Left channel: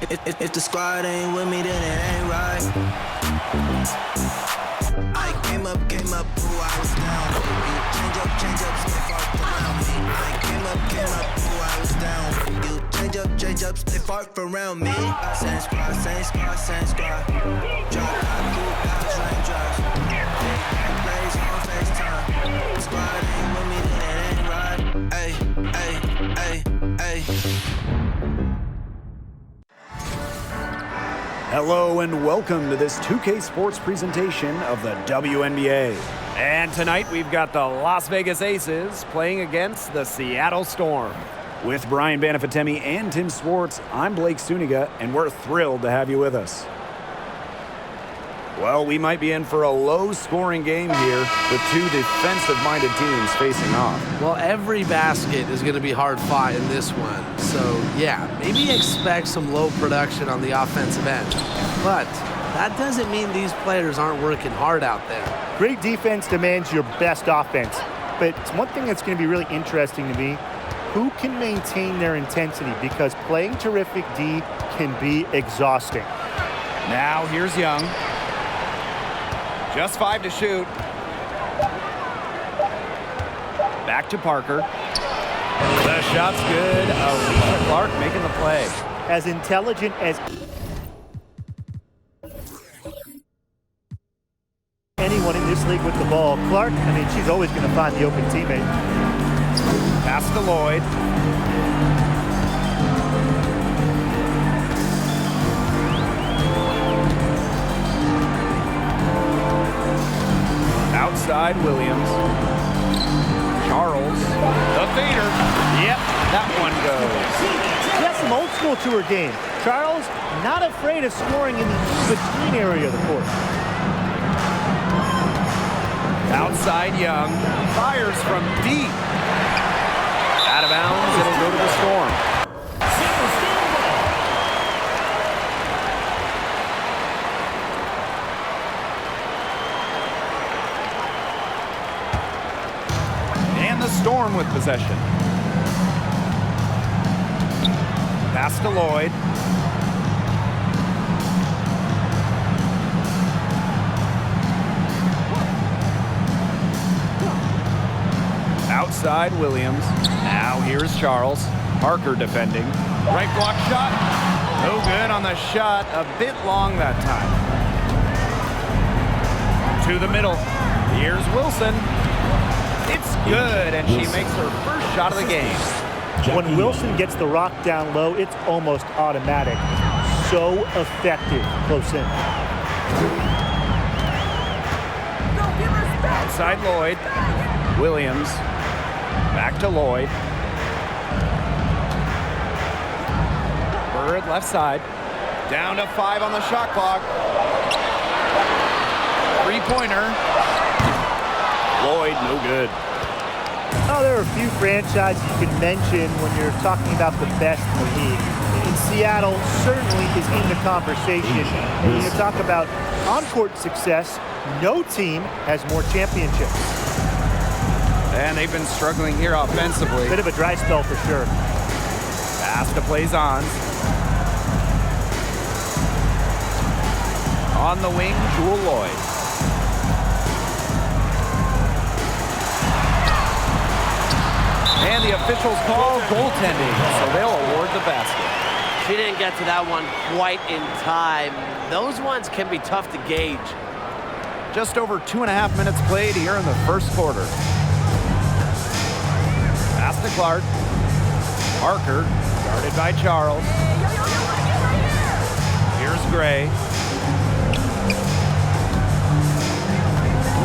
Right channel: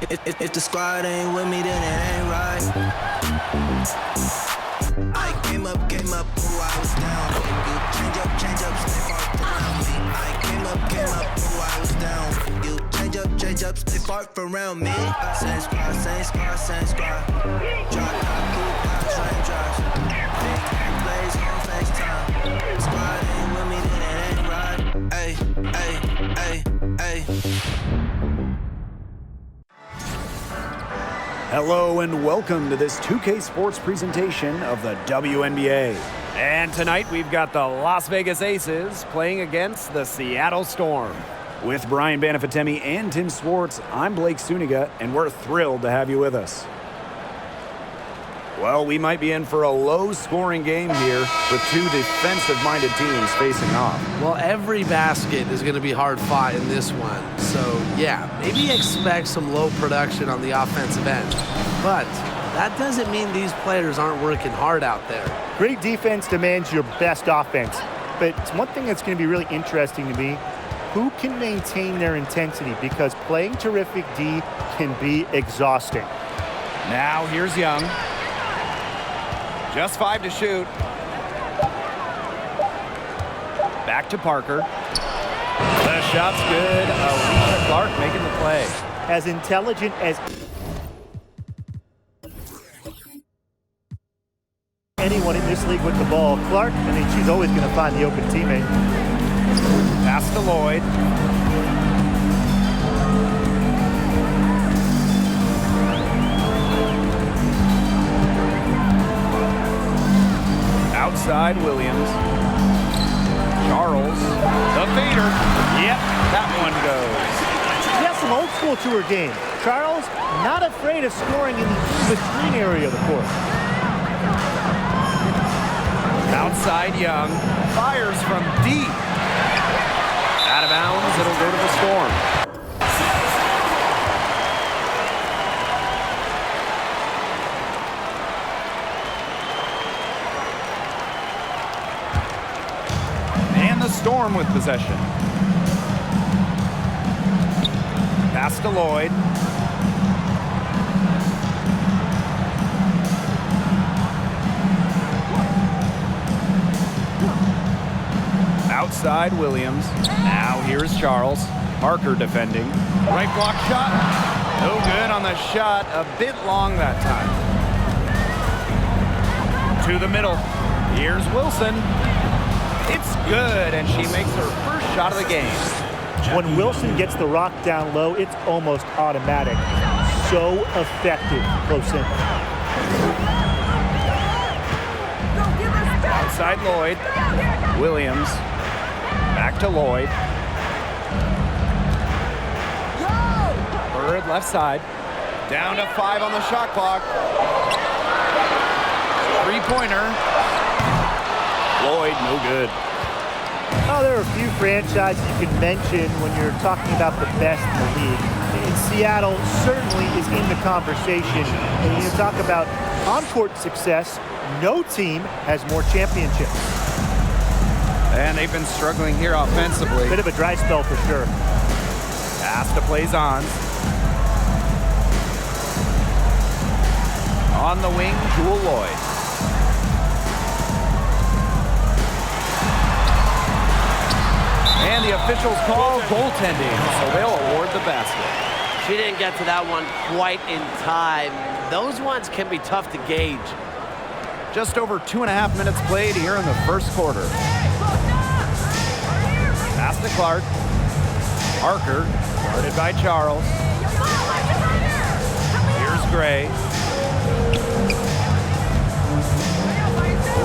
If the squad ain't with me, then it ain't right. I came up, who I was down. You change up, stay far around me. I came up, who I was down. You change up, stay far around me. Same squad. Drop top, cool guys, raindrops. Big gang plays on FaceTime. Squad ain't with me, then it ain't right. Ay. Hello and welcome to this 2K Sports presentation of the WNBA. And tonight we've got the Las Vegas Aces playing against the Seattle Storm. With Brian Banafitemi and Tim Swartz, I'm Blake Suniga, and we're thrilled to have you with us. Well, we might be in for a low-scoring game here with two defensive-minded teams facing off. Well, every basket is going to be hard-fought in this one. So, yeah, maybe expect some low production on the offensive end. But that doesn't mean these players aren't working hard out there. Great defense demands your best offense. But it's one thing that's going to be really interesting to me, who can maintain their intensity? Because playing terrific D can be exhausting. Now, here's Young. Just 5 to shoot. Back to Parker. The shot's good. Alicia Clark making the play. As intelligent as anyone in this league with the ball, Clark, I mean, she's always going to find the open teammate. Pass to Lloyd. Outside Williams. Charles, the fader. Yep, that one goes. She has some old school to her game. Charles, not afraid of scoring in the in-between area of the court. Outside Young, fires from deep. Out of bounds, it'll go to the Storm. And the Storm with possession. Pass to Lloyd. Outside Williams. Now here's Charles. Parker defending. Right block shot. No good on the shot. A bit long that time. To the middle. Here's Wilson. It's good, and she makes her first shot of the game. When Wilson gets the rock down low, it's almost automatic. So effective close in. Outside Lloyd. Williams. Back to Lloyd. Bird left side. Down to 5 on the shot clock. Three-pointer. Lloyd, no good. Oh, there are a few franchises you can mention when you're talking about the best in the league. And Seattle certainly is in the conversation. And you talk about on-court success, no team has more championships. And they've been struggling here offensively. Bit of a dry spell for sure. Pass to Plaisance. On the wing, Jewel Lloyd. And the officials call goaltending, so they'll award the basket. She didn't get to that one quite in time. Those ones can be tough to gauge. Just over 2.5 minutes played here in the first quarter. Pass to Clark. Parker, guarded by Charles. Here's Gray.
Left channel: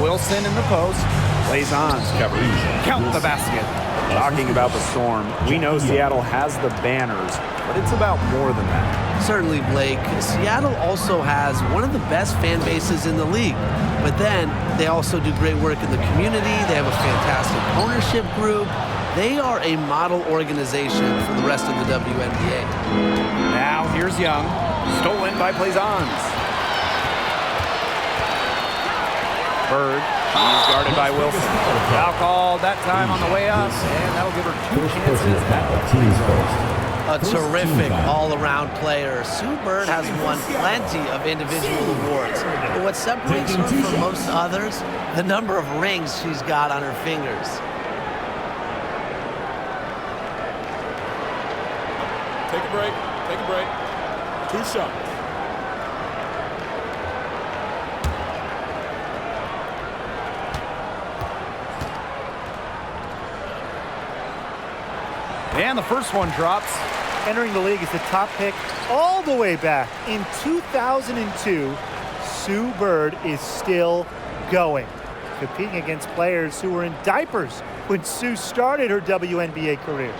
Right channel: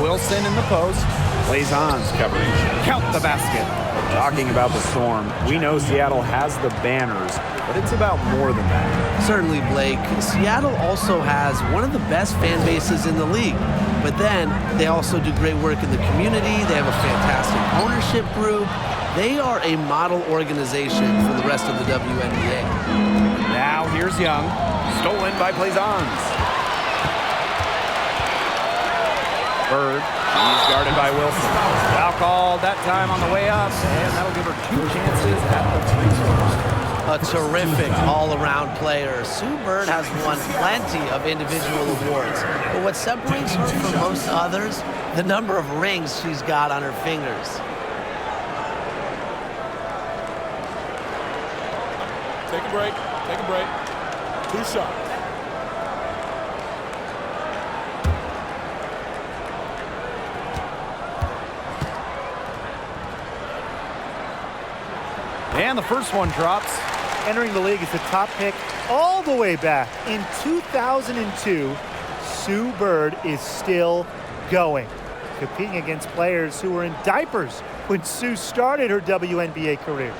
Wilson in the post. Plaisance covering. Count the basket. Talking about the Storm, we know Seattle has the banners, but it's about more than that. Certainly, Blake. Seattle also has one of the best fan bases in the league. But then they also do great work in the community. They have a fantastic ownership group. They are a model organization for the rest of the WNBA. Now here's Young. Stolen by Plaisance. Bird. She's guarded by Wilson. Foul called that time on the way up, and that'll give her 2 chances at the free throw line. A terrific all-around player. Sue Bird has won plenty of individual awards. But what separates her from most others, the number of rings she's got on her fingers. Take a break. Take a break. 2 shots. And the first one drops. Entering the league as the top pick all the way back in 2002, Sue Bird is still going, competing against players who were in diapers when Sue started her WNBA career.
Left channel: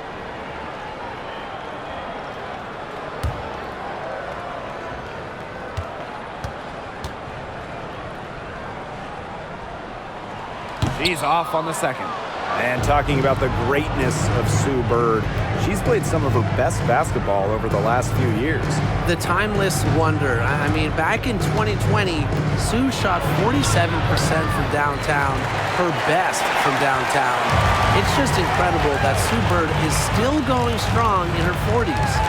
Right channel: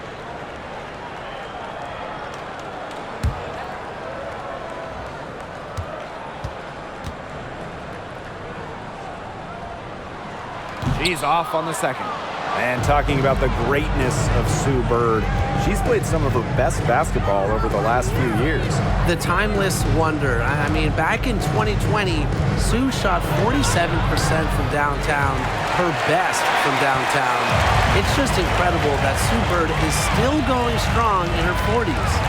She's off on the second. And talking about the greatness of Sue Bird, she's played some of her best basketball over the last few years. The timeless wonder. I mean, back in 2020, Sue shot 47% from downtown, her best from downtown. It's just incredible that Sue Bird is still going strong in her 40s.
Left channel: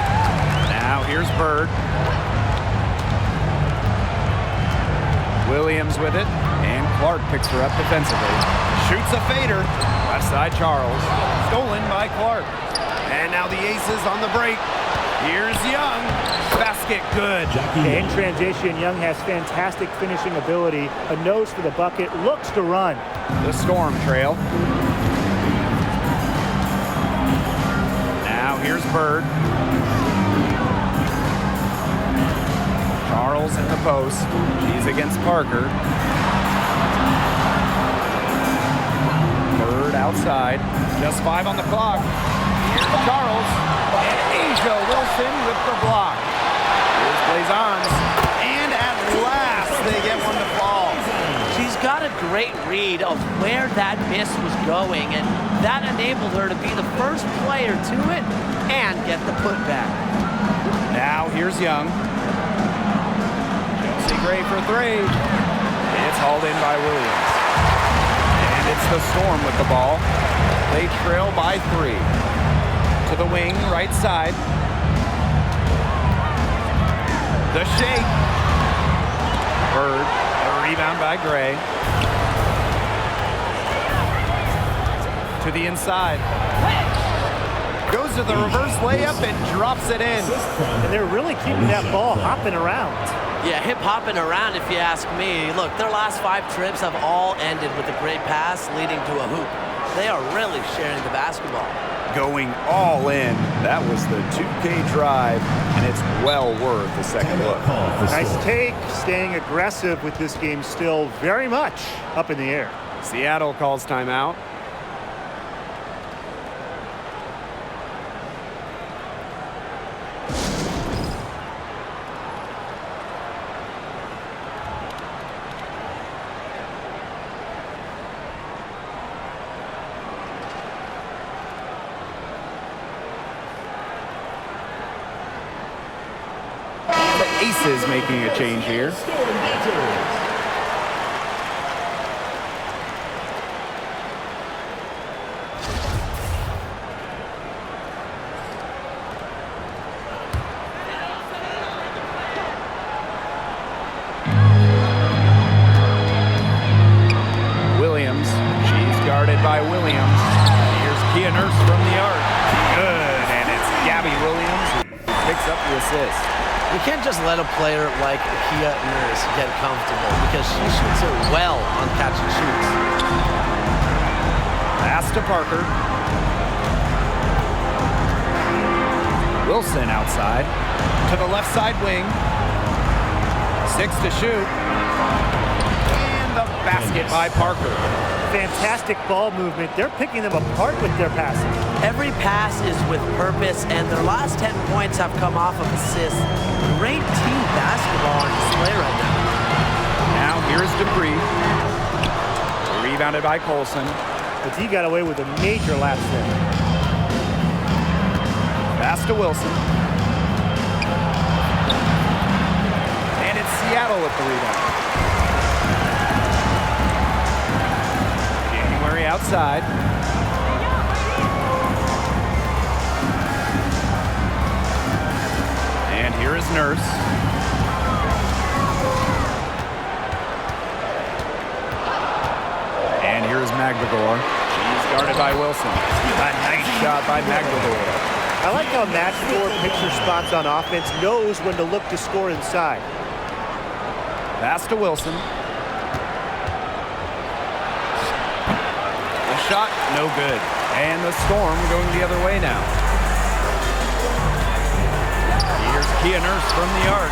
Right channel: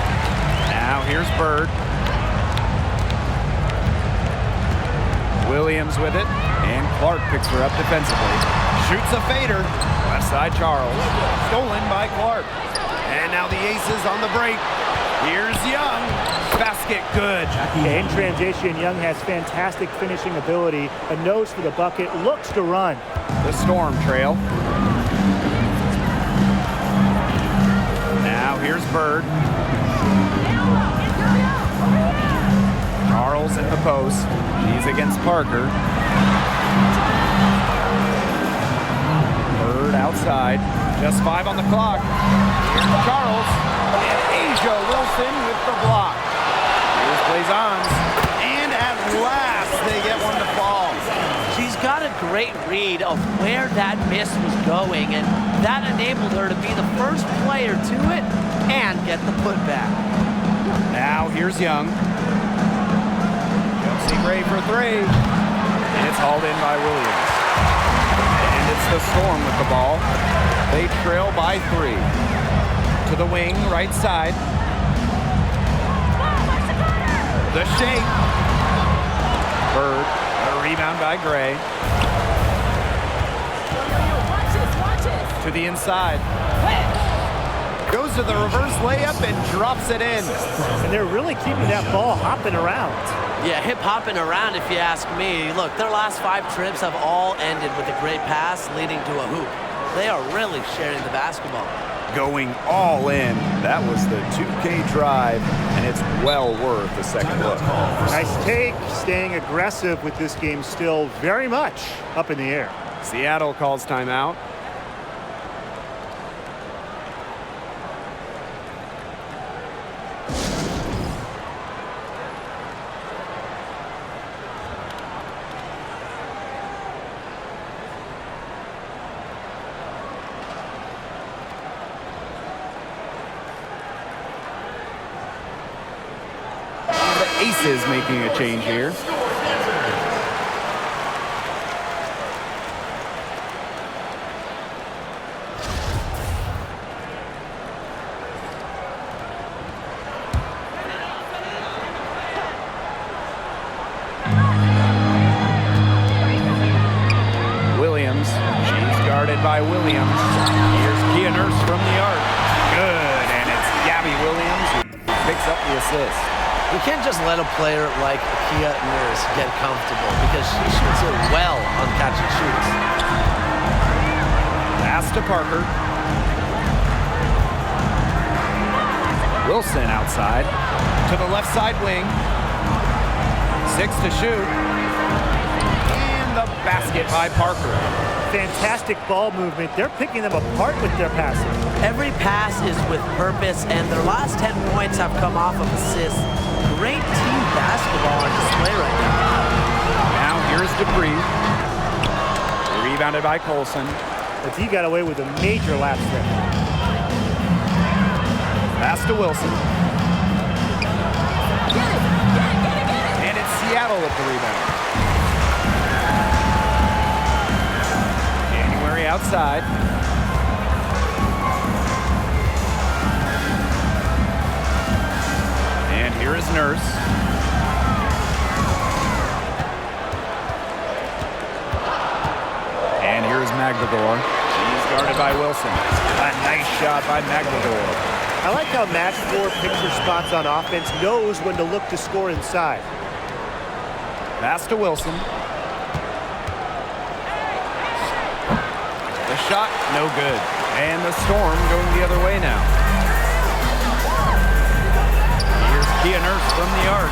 Now here's Bird. Williams with it, and Clark picks her up defensively. Shoots a fader. Left side, Charles. Stolen by Clark. And now the Aces on the break. Here's Young. Basket good. In transition, Young has fantastic finishing ability. A nose for the bucket. Looks to run. The Storm trail. Now here's Bird. Charles in the post. She's against Parker. Bird outside. Just 5 on the clock. Here's Charles. And Asia Wilson with the block. Here's Blazons. And at last, they get one to fall. She's got a great read of where that miss was going, and that enabled her to be the first player to it and get the putback. Now here's Young. Chelsea Gray for 3. It's hauled in by Williams. And it's the Storm with the ball. They trail by 3. To the wing, right side. The shake. Bird, a rebound by Gray. To the inside. Goes to the reverse layup and drops it in. And they're really keeping that ball hopping around. Yeah, hip-hopping around if you ask me. Look, their last 5 trips have all ended with a great pass leading to a hoop. They are really sharing the basketball. Going all in. That was the 2K drive, and it's well worth the second look. Nice take, staying aggressive with this game still very much up in the air. Seattle calls timeout. Aces making a change here. Williams, she's guarded by Williams. Here's Kia Nurse from the arc. Good, and it's Gabby Williams who picks up the assist. You can't just let a player like Kia Nurse get comfortable because she shoots it well on catch and shoots. Pass to Parker. Wilson outside. To the left side wing. 6 to shoot. And the basket by Parker. Fantastic ball movement. They're picking them apart with their passing. Every pass is with purpose, and their last 10 points have come off of assists. Great team basketball on display right now. Now here's Dupree. Rebounded by Colson. But he got away with a major lapse there. Pass to Wilson. And it's Seattle with the rebound. January outside. And here is Nurse. And here is Magdagor. She's guarded by Wilson. A nice shot by Magdagor. I like how Magdagor picks her spots on offense, knows when to look to score inside. Pass to Wilson. The shot, no good. And the Storm going the other way now. Here's Kia Nurse from the arc.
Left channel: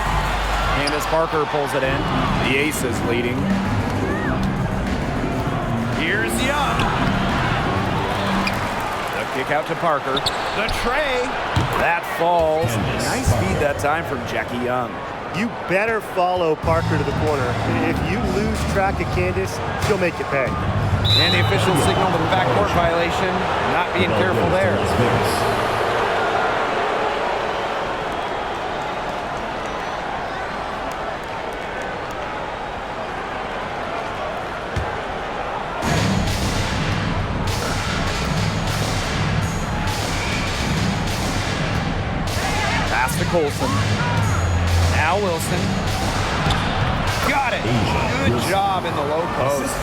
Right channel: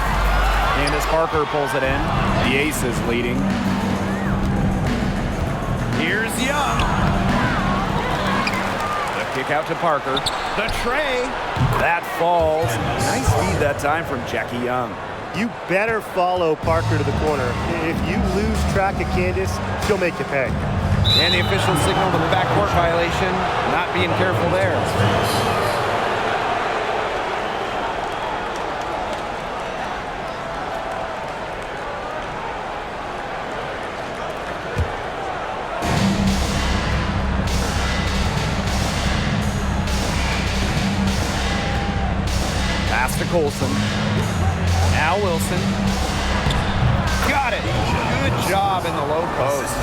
Candace Parker pulls it in. The Aces leading. Here's Young. The kick out to Parker. The tray. That falls. Nice feed that time from Jackie Young. You better follow Parker to the corner. If you lose track of Candace, she'll make you pay. And the official signaled a backcourt violation. Not being careful there. Pass to Colson. Now Wilson. Got it. Good job in the low post.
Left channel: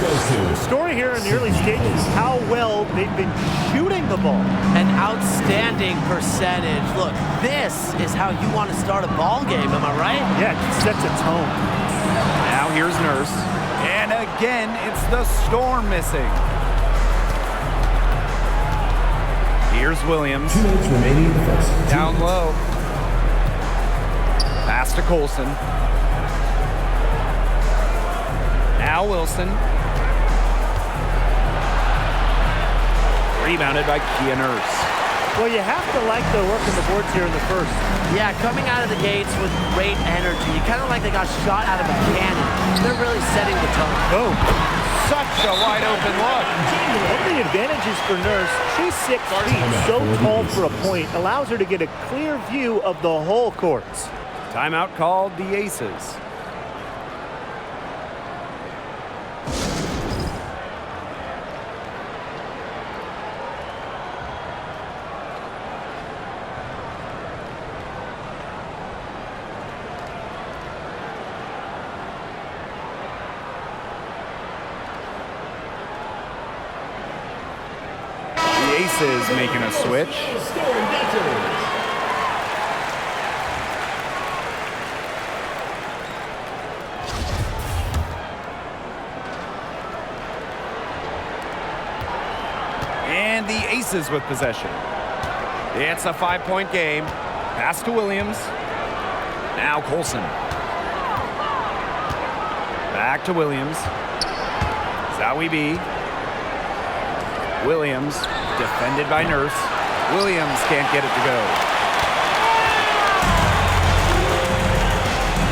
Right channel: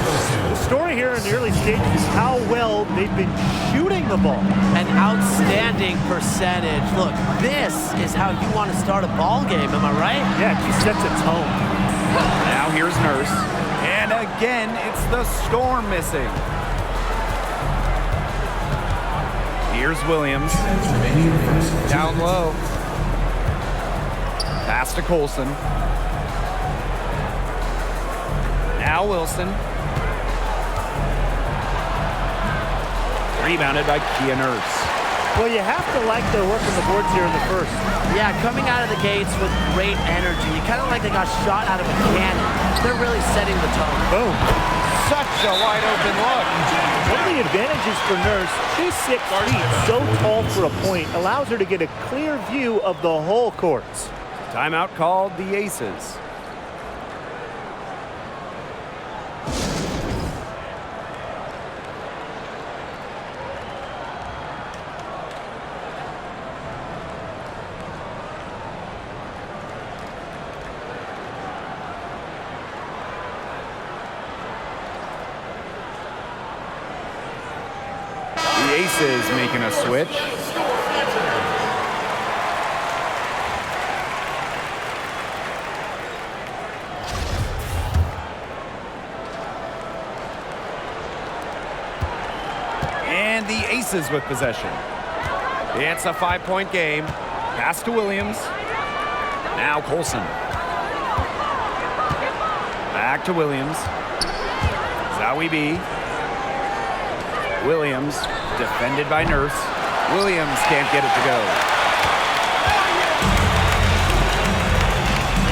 The story here in the early stages is how well they've been shooting the ball. An outstanding percentage. Look, this is how you want to start a ball game, am I right? Yeah, it just sets a tone. Now here's Nurse. And again, it's the Storm missing. Here's Williams. 2 minutes remaining in the first. Down low. Pass to Colson. Now Wilson. Rebounded by Kia Nurse. Well, you have to like the work on the boards here in the first. Yeah, coming out of the gates with great energy. Kind of like they got shot out of a cannon. They're really setting the tone. Boom. Such a wide open look. One of the advantages for Nurse, she's 6 feet, so tall for a point, allows her to get a clear view of the whole courts. Timeout called the Aces. The Aces making a switch. And the Aces with possession. It's a 5-point game. Pass to Williams. Now Colson. Back to Williams. Zowie B. Williams, defended by Nurse. Williams can't get it to go.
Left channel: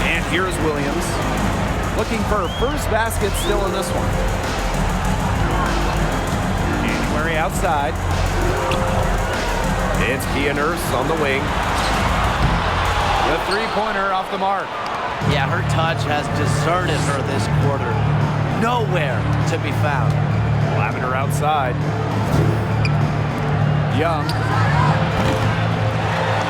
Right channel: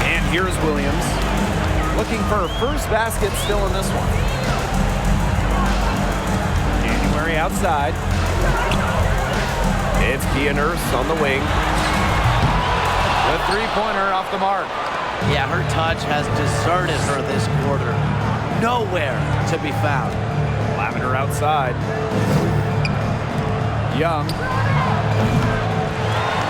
And here's Williams. Looking for her first basket still in this one. January outside. It's Kia Nurse on the wing. The three-pointer off the mark. Yeah, her touch has deserted her this quarter. Nowhere to be found. Lavender outside. Young.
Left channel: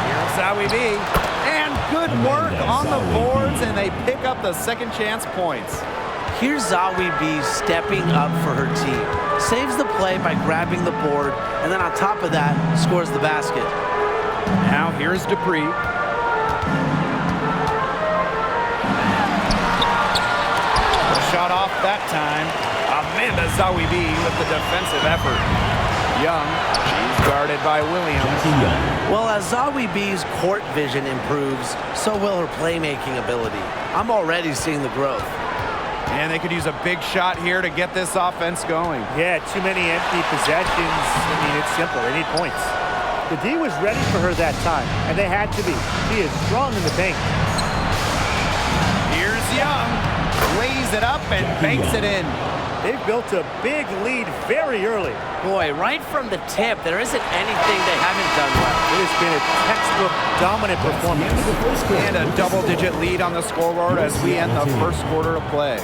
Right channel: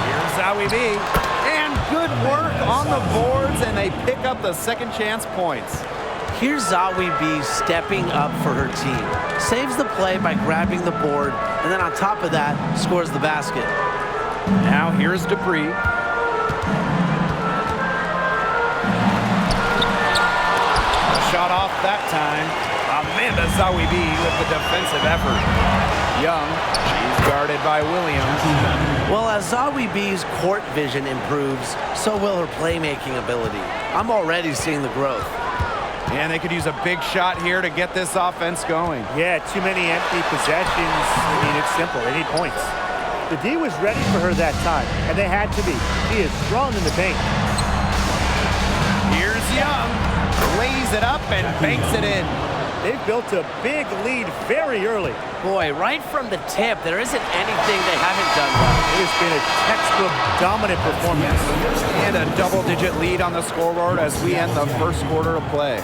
Here's Zowie B. And good work on the boards, and they pick up the second chance points. Here's Zowie B stepping up for her team. Saves the play by grabbing the board, and then on top of that, scores the basket. Now here's Dupree. The shot off that time. Amanda Zowie B with the defensive effort. Young, she's guarded by Williams. Well, as Zowie B's court vision improves, so will her playmaking ability. I'm already seeing the growth. And they could use a big shot here to get this offense going. Yeah, too many empty possessions. I mean, it's simple. They need points. The D was ready for her that time, and they had to be. She is strong in the paint. Here's Young. Lays it up and banks it in. They've built a big lead very early. Boy, right from the tip, there isn't anything they haven't done well. It has been a textbook dominant performance. And a double-digit lead on the scoreboard as we end the first quarter of play.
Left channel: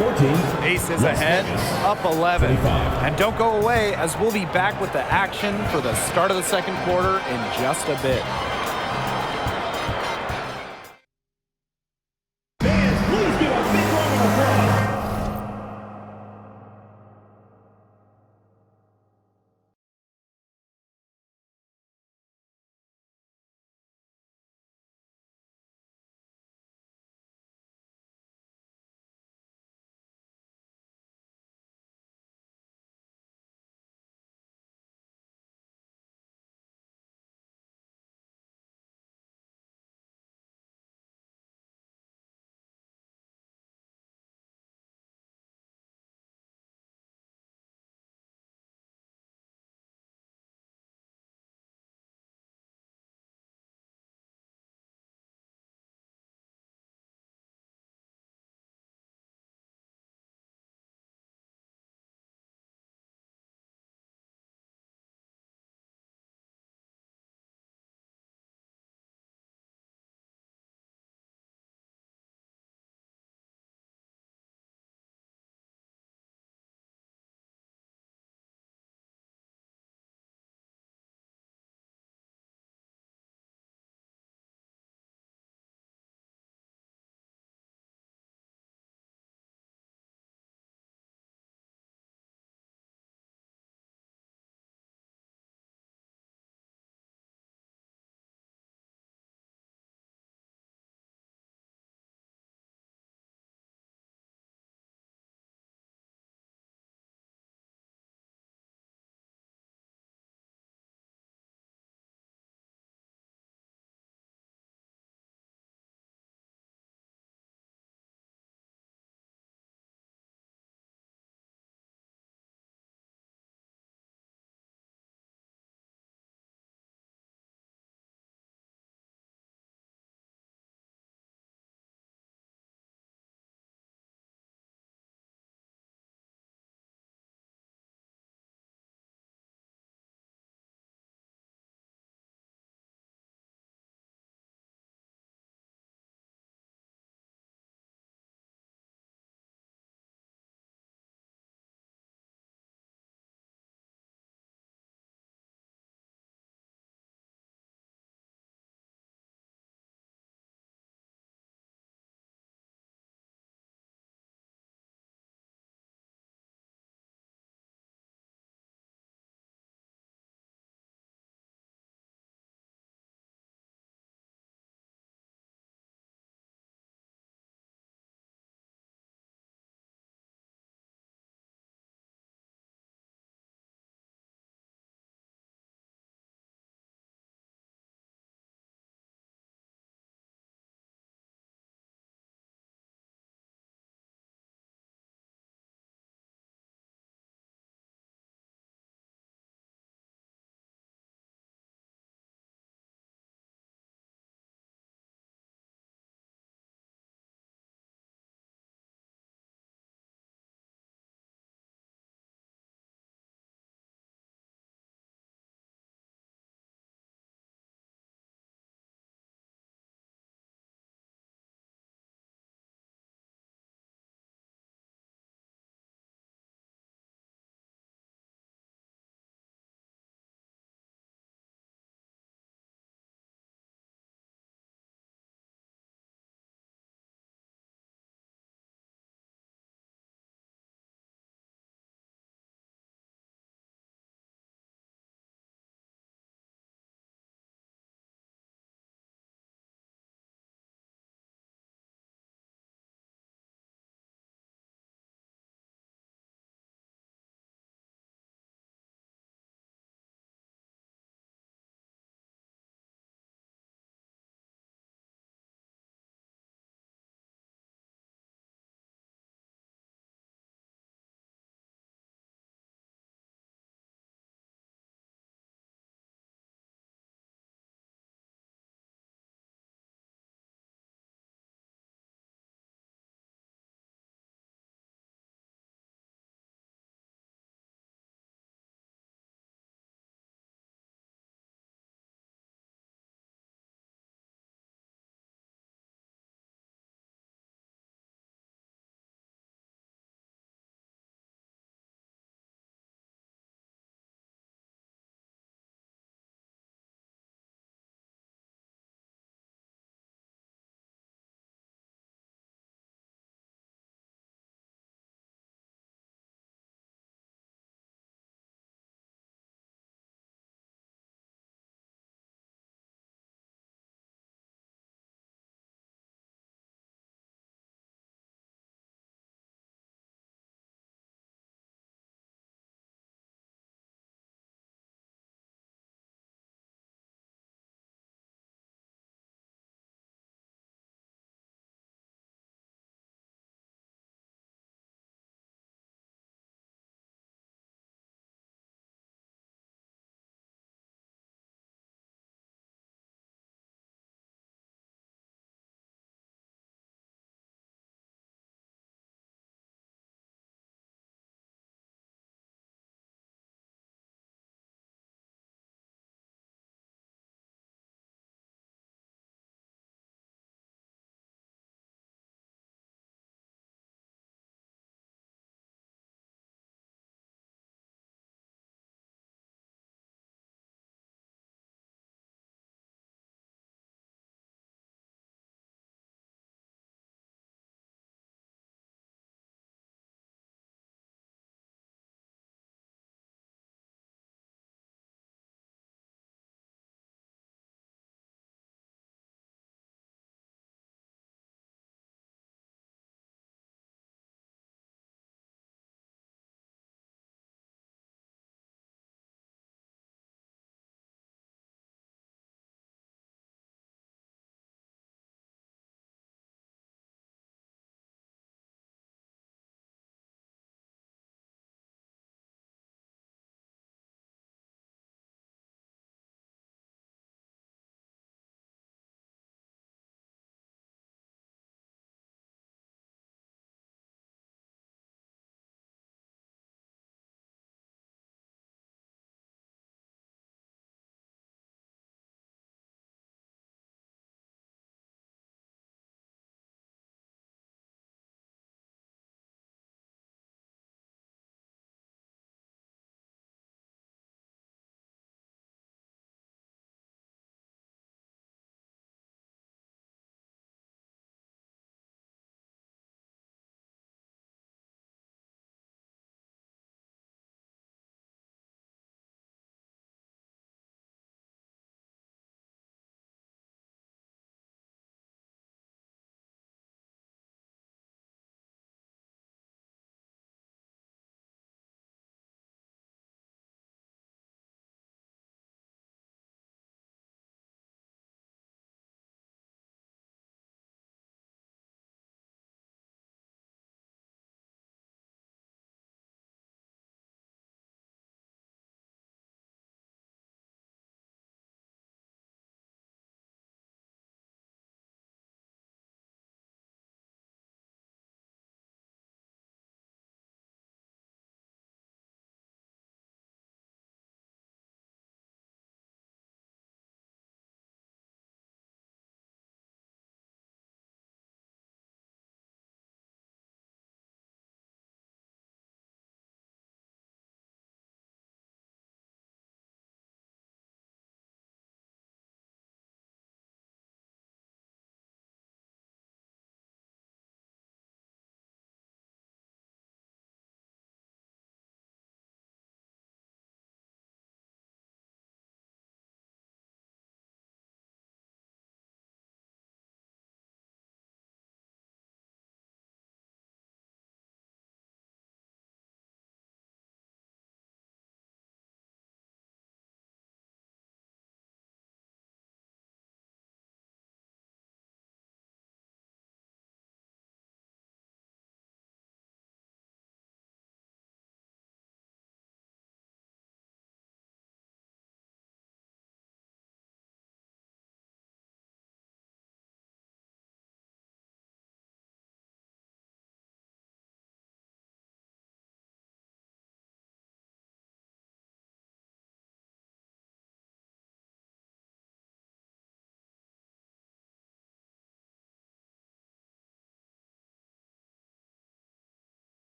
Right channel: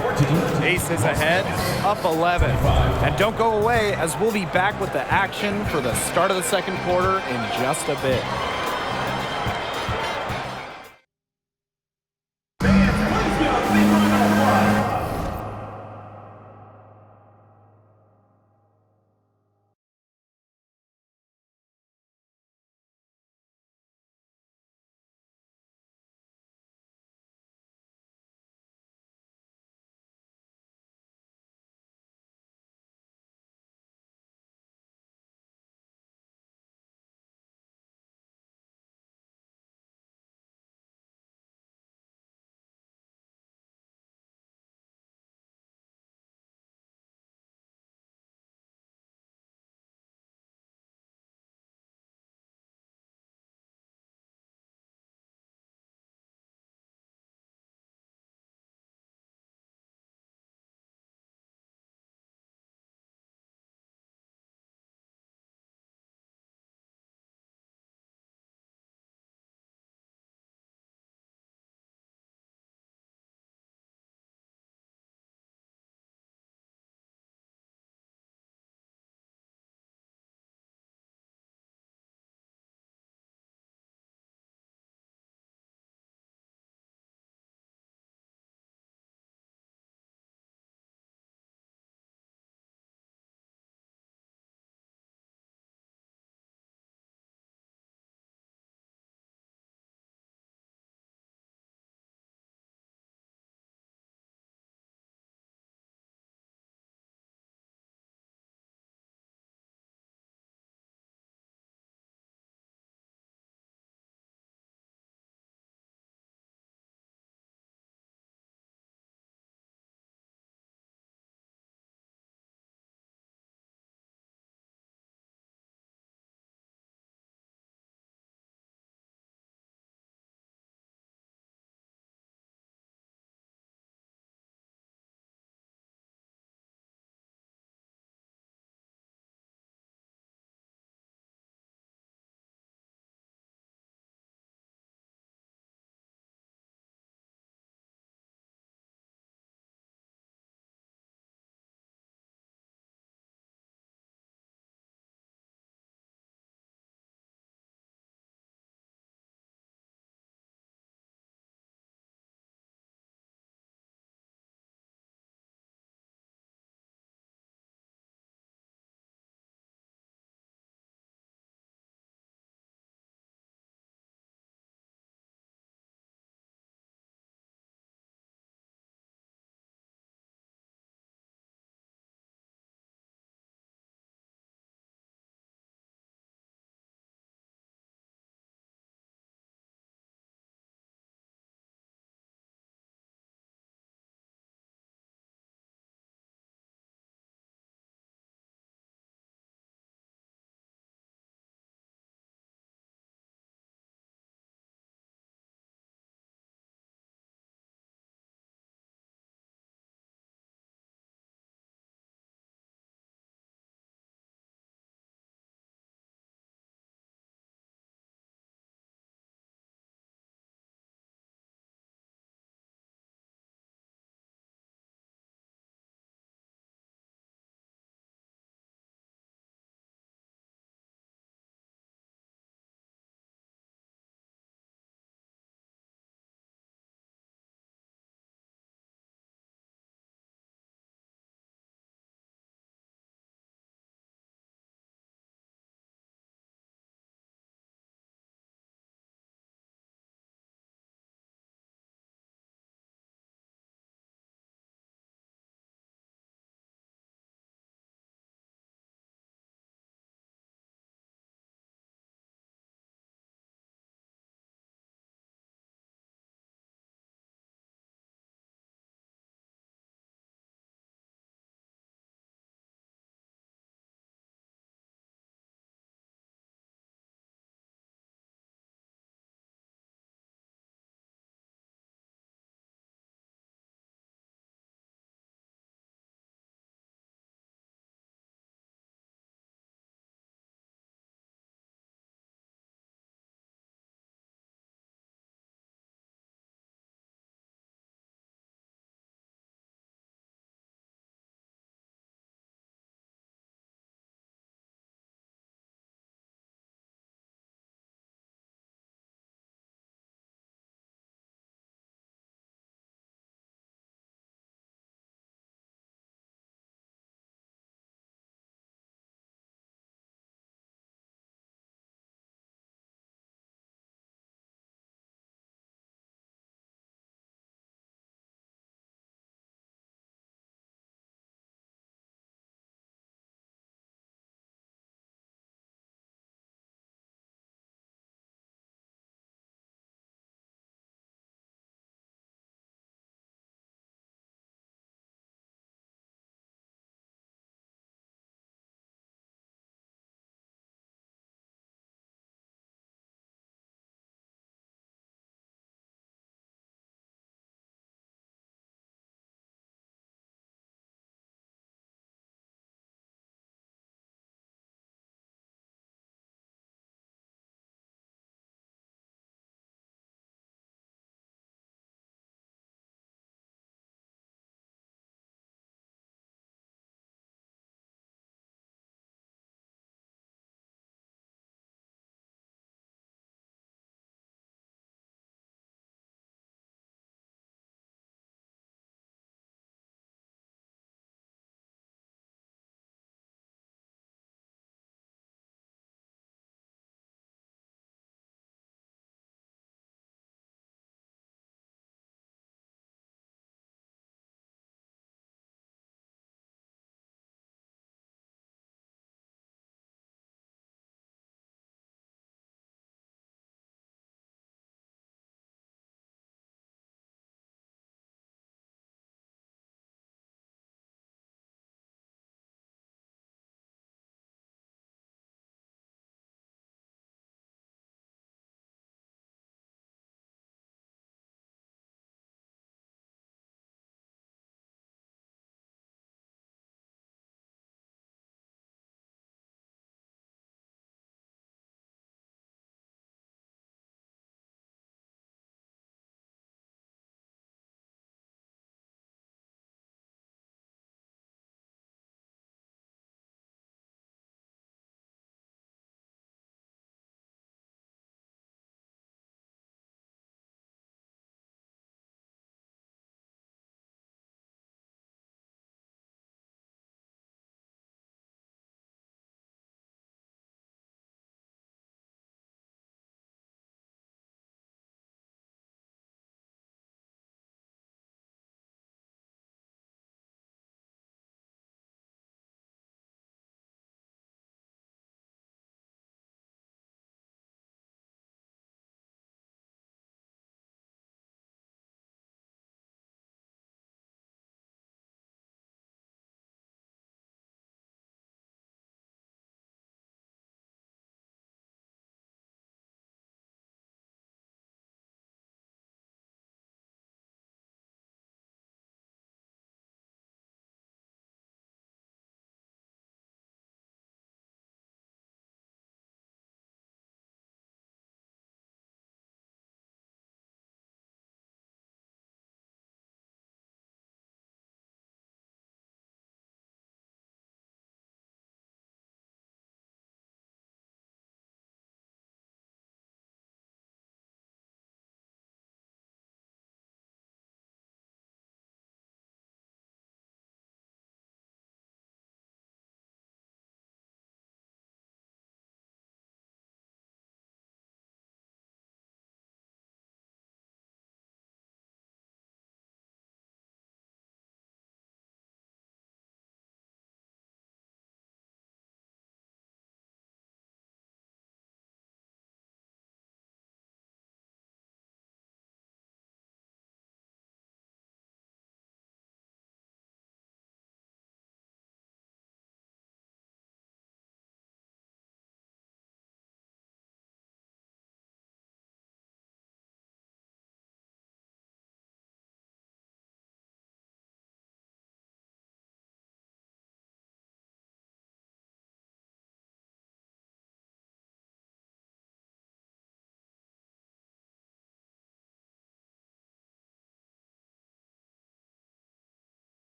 Aces ahead, up 11. And don't go away, as we'll be back with the action for the start of the second quarter in just a bit.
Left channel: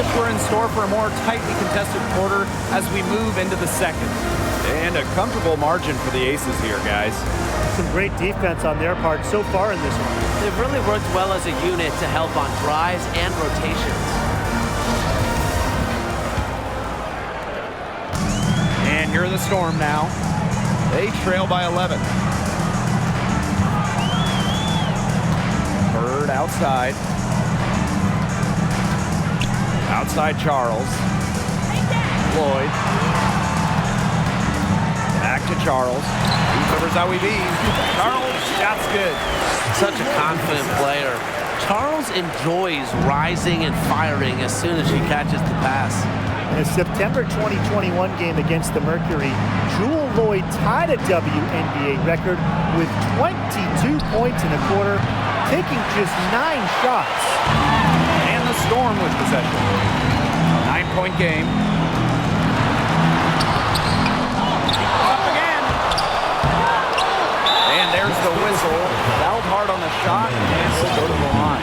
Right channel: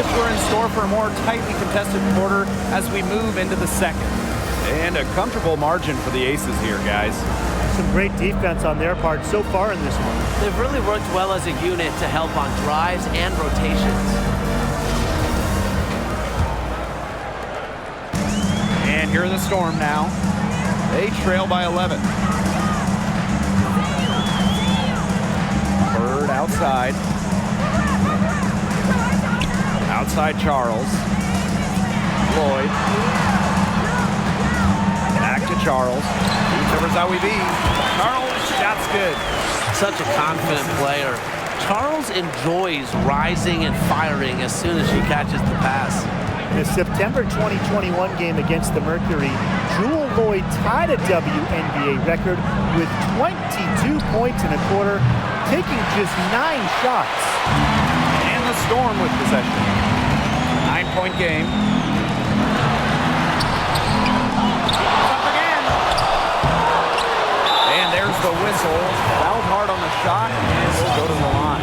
if we're in store for a more tightly contested quarter as we move into the second. And a comfortable margin for the Aces here, guys. Some great defense on their part so far in this one. They've really worked well as a unit to help on drives and rotations. And here are the Storm now. They trail by 11. Bird outside. Outside Charles. Lloyd. Back to Charles. Beats over Zawi B. Charles, shot's good. Such a confident player. Charles enjoys rising and firing as soon as she catches the pass. In a September 2021 game against the Mercury, Jewel Lloyd tied a WNBA record with 22 points in a quarter, taking just 9 shots. And the Storm with possession. 9-point game. Up again. And there's the whistle. Fouled hard on the shot, and we'll go to the line.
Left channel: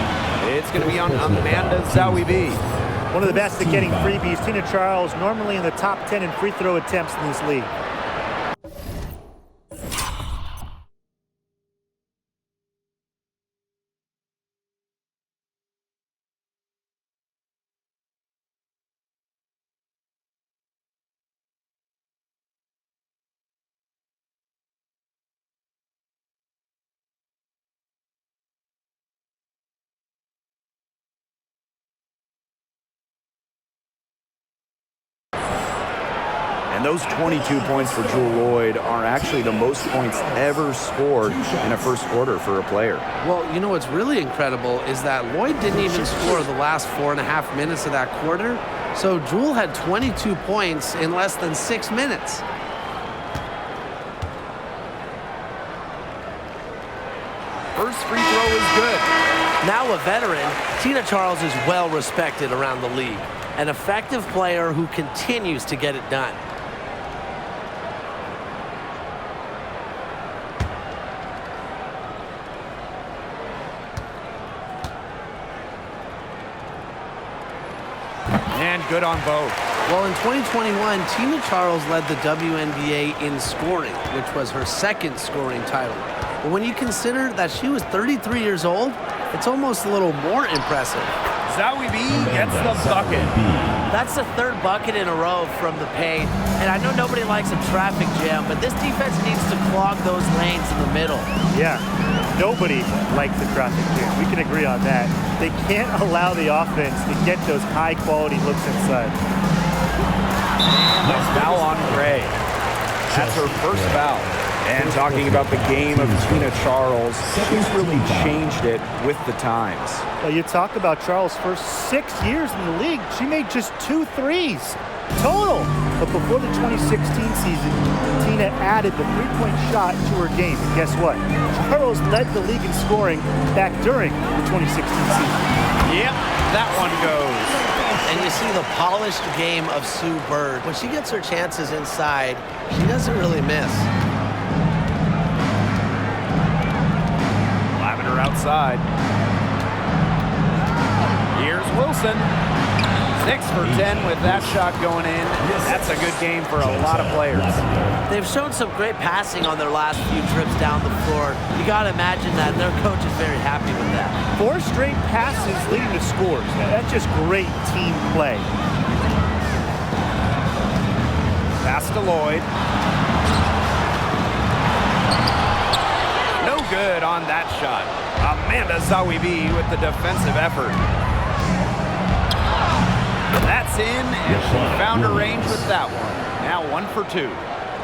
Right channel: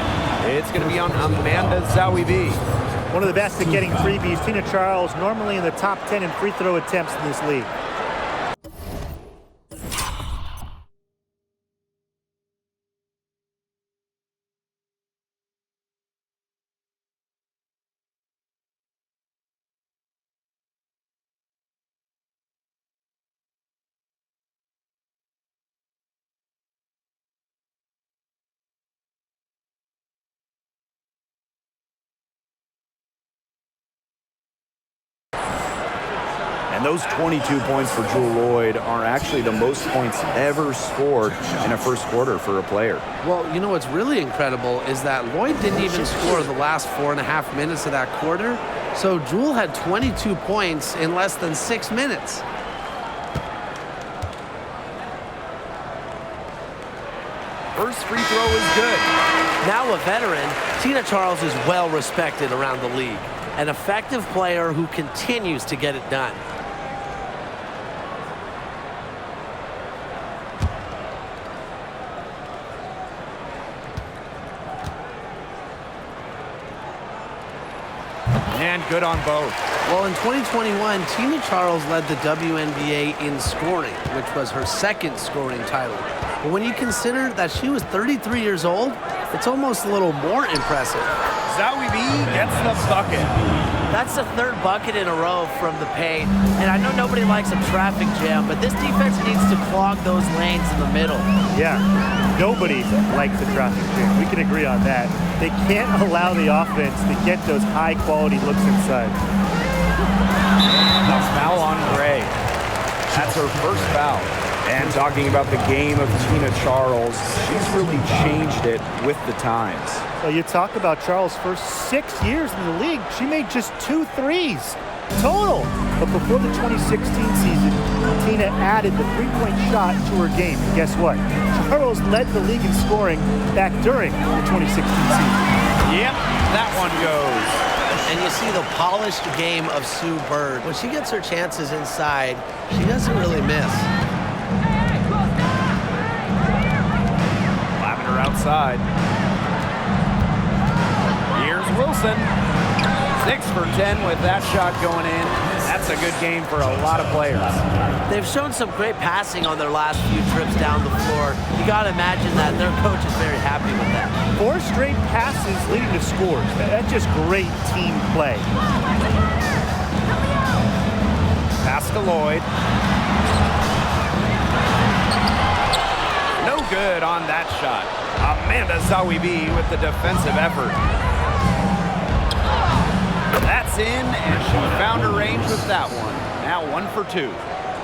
It's going to be on Amanda Zawi B. One of the best at getting freebies, Tina Charles, normally in the top 10 in free throw attempts in this league. And those 22 points for Jewel Lloyd are actually the most points ever scored in a first quarter for a player. Well, you know what's really incredible is that Lloyd didn't even score the last 4.5 minutes of that quarter. So Jewel had 22 points in less than 6 minutes. First free throw is good. Now a veteran, Tina Charles is well respected around the league. An effective player who continues to get it done. And good on both. Well, in 2021, Tina Charles led the WNBA in scoring, which was her second scoring title. But when you consider that she was 33 years old, it's almost a little more impressive. Zawi B gets the bucket. That's the third bucket in a row from the paint. And I know nobody likes a traffic jam, but this defense needs to clog those lanes in the middle. Yeah, nobody likes the traffic jam. We can agree on that. They can't allow the offense to get those high-quality looks inside. And a foul on Gray. That's her first foul. And talking about the game of Tina Charles, she's really changed it with the times. Well, you talk about Charles' first 6 years in the league, she made just 2 threes total. But before the 2016 season, Tina added the three-point shot to her game. And guess what? Charles led the league in scoring back during the 2016 season. Yep, that one goes. And you see the polished game of Sue Bird. When she gets her chances inside, she doesn't really miss. Lavender outside. Here's Wilson. 6 for 10 with that shot going in. That's a good game for a lot of players. They've shown some great passing on their last few trips down the floor. You got to imagine that their coach is very happy with that. 4 straight passes leading to scores. That's just great team play. Pass to Lloyd. No good on that shot. Amanda Zawi B with the defensive effort. That's in, and she found her range with that one. Now 1 for 2.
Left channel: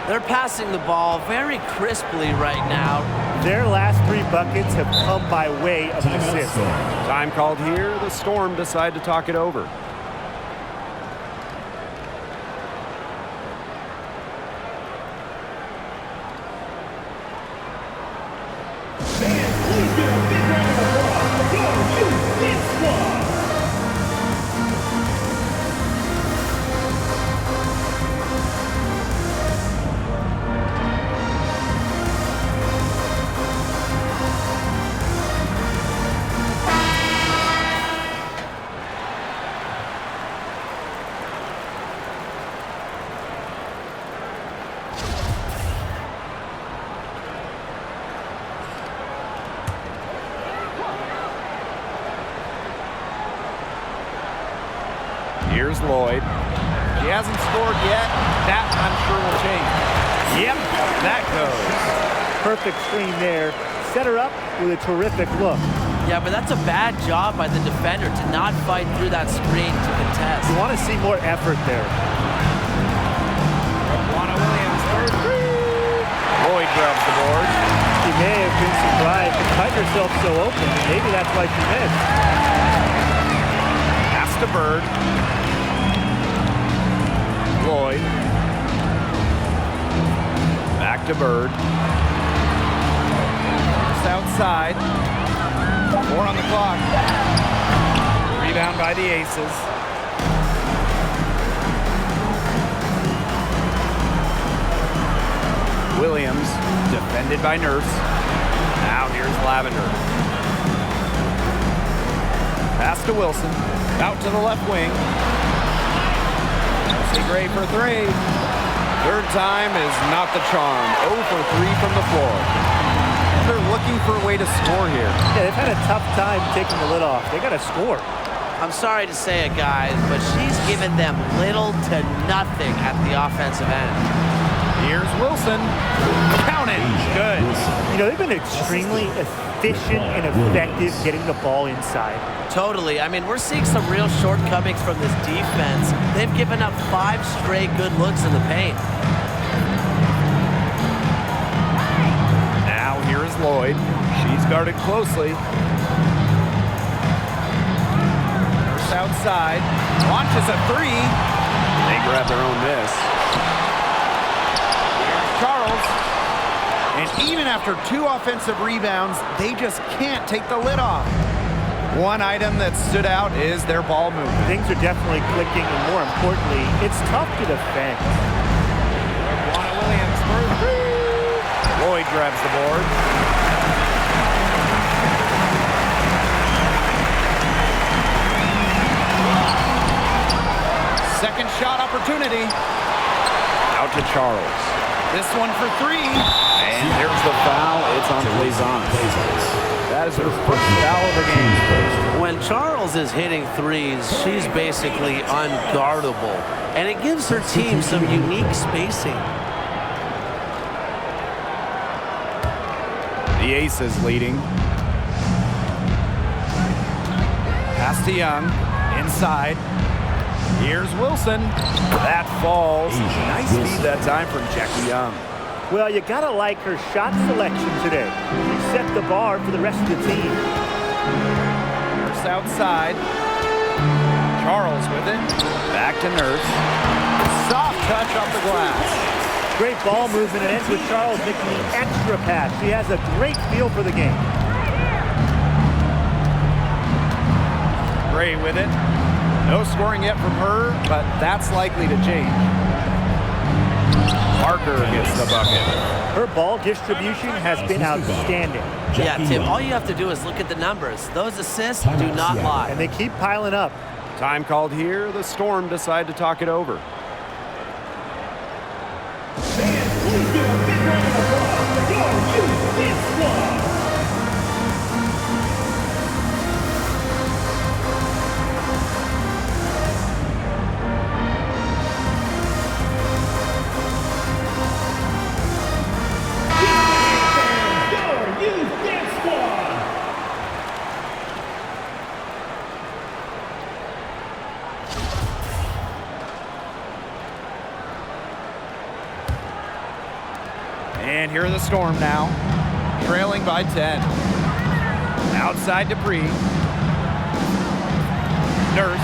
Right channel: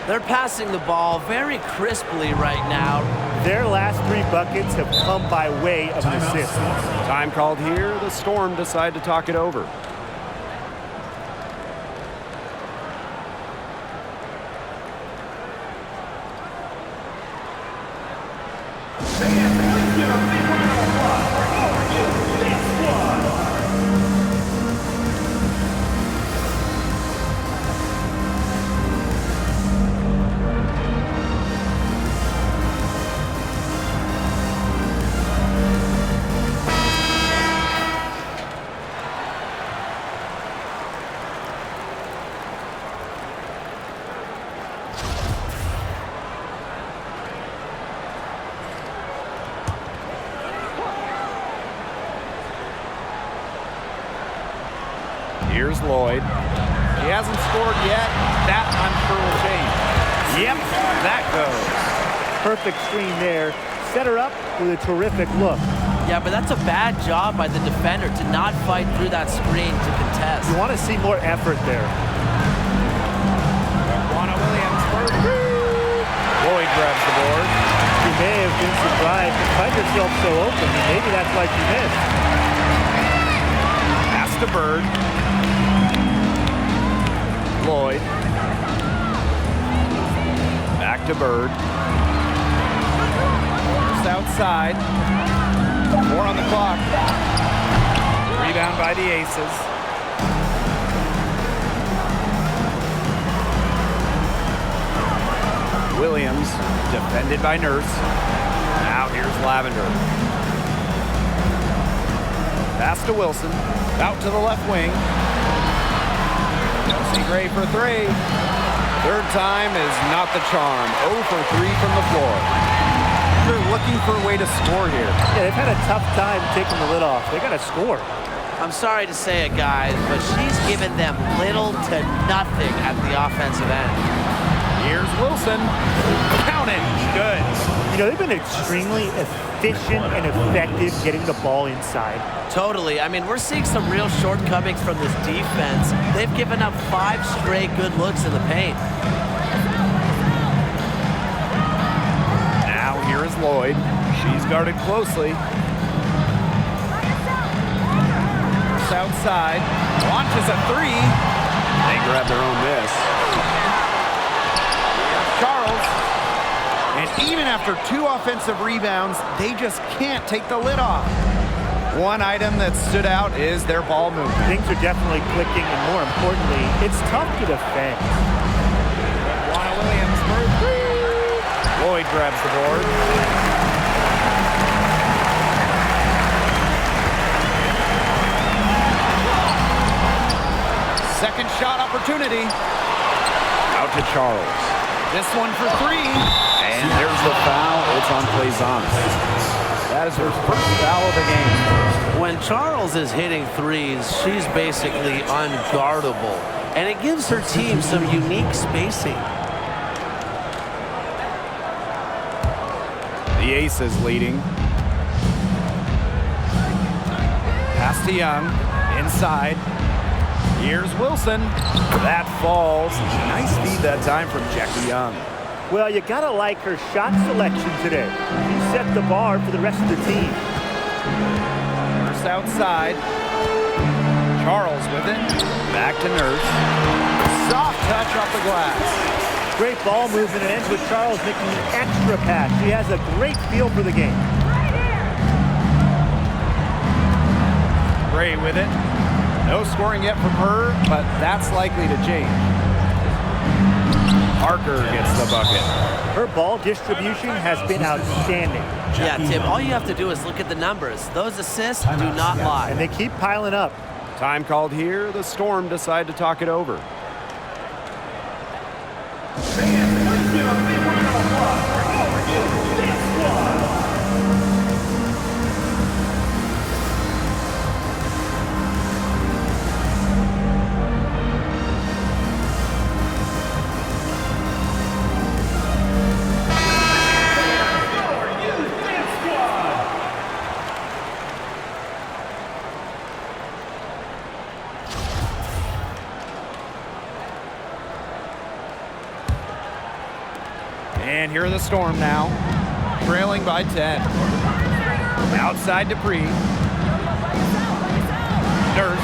They're passing the ball very crisply right now. Their last 3 buckets have come by way of an assist. Time called here. The Storm decide to talk it over. Here's Lloyd. She hasn't scored yet. That, I'm sure, will change. Yep, that goes. Perfect screen there. Set her up with a terrific look. Yeah, but that's a bad job by the defender to not fight through that screen to contest. You want to see more effort there. Juana Williams for three. Lloyd grabs the board. She may have been surprised to cut herself so open, and maybe that's why she missed. Pass to Bird. Lloyd. Back to Bird. First outside. 4 on the clock. Rebound by the Aces. Williams, defended by Nurse. Now here's Lavender. Pass to Wilson. Out to the left wing. Chelsea Gray for 3. Third time is not the charm. 0 for 3 from the floor. They're looking for a way to score here. Yeah, they've had a tough time taking the lid off. They got to score. I'm sorry to say it, guys, but she's given them little to nothing at the offensive end. Here's Wilson. Count it. Good. You know, they've been extremely efficient and effective getting the ball inside. Totally. I mean, we're seeing some real shortcomings from this defense. They've given up 5 straight good looks in the paint. Now here is Lloyd. She's guarded closely. Nurse outside. Launches a 3. They grab their own miss. Here's Charles. And even after 2 offensive rebounds, they just can't take the lid off. One item that stood out is their ball movement. Things are definitely clicking, and more importantly, it's tough to defend. Juana Williams for 3. Lloyd grabs the board. Second shot opportunity. Out to Charles. This one for 3. And there's the foul. It's on Plaisance. That is her first foul of the game. When Charles is hitting threes, she's basically unguardable. And it gives her team some unique spacing. The Aces leading. Pass to Young. Inside. Here's Wilson. That falls. Nice feed that time from Jackie Young. Well, you got to like her shot selection today. She set the bar for the rest of the team. Nurse outside. Charles with it. Back to Nurse. Soft touch off the glass. Great ball movement. It ends with Charles making the extra pass. She has a great feel for the game. Gray with it. No scoring yet from her, but that's likely to change. Parker gets the bucket. Her ball distribution has been outstanding. Yeah, Tim, all you have to do is look at the numbers. Those assists do not lie. And they keep piling up. Time called here. The Storm decide to talk it over. Fans, please give a big round of applause for your youth dance squad. And here are the Storm now, trailing by 10. Outside Dupree. Nurse.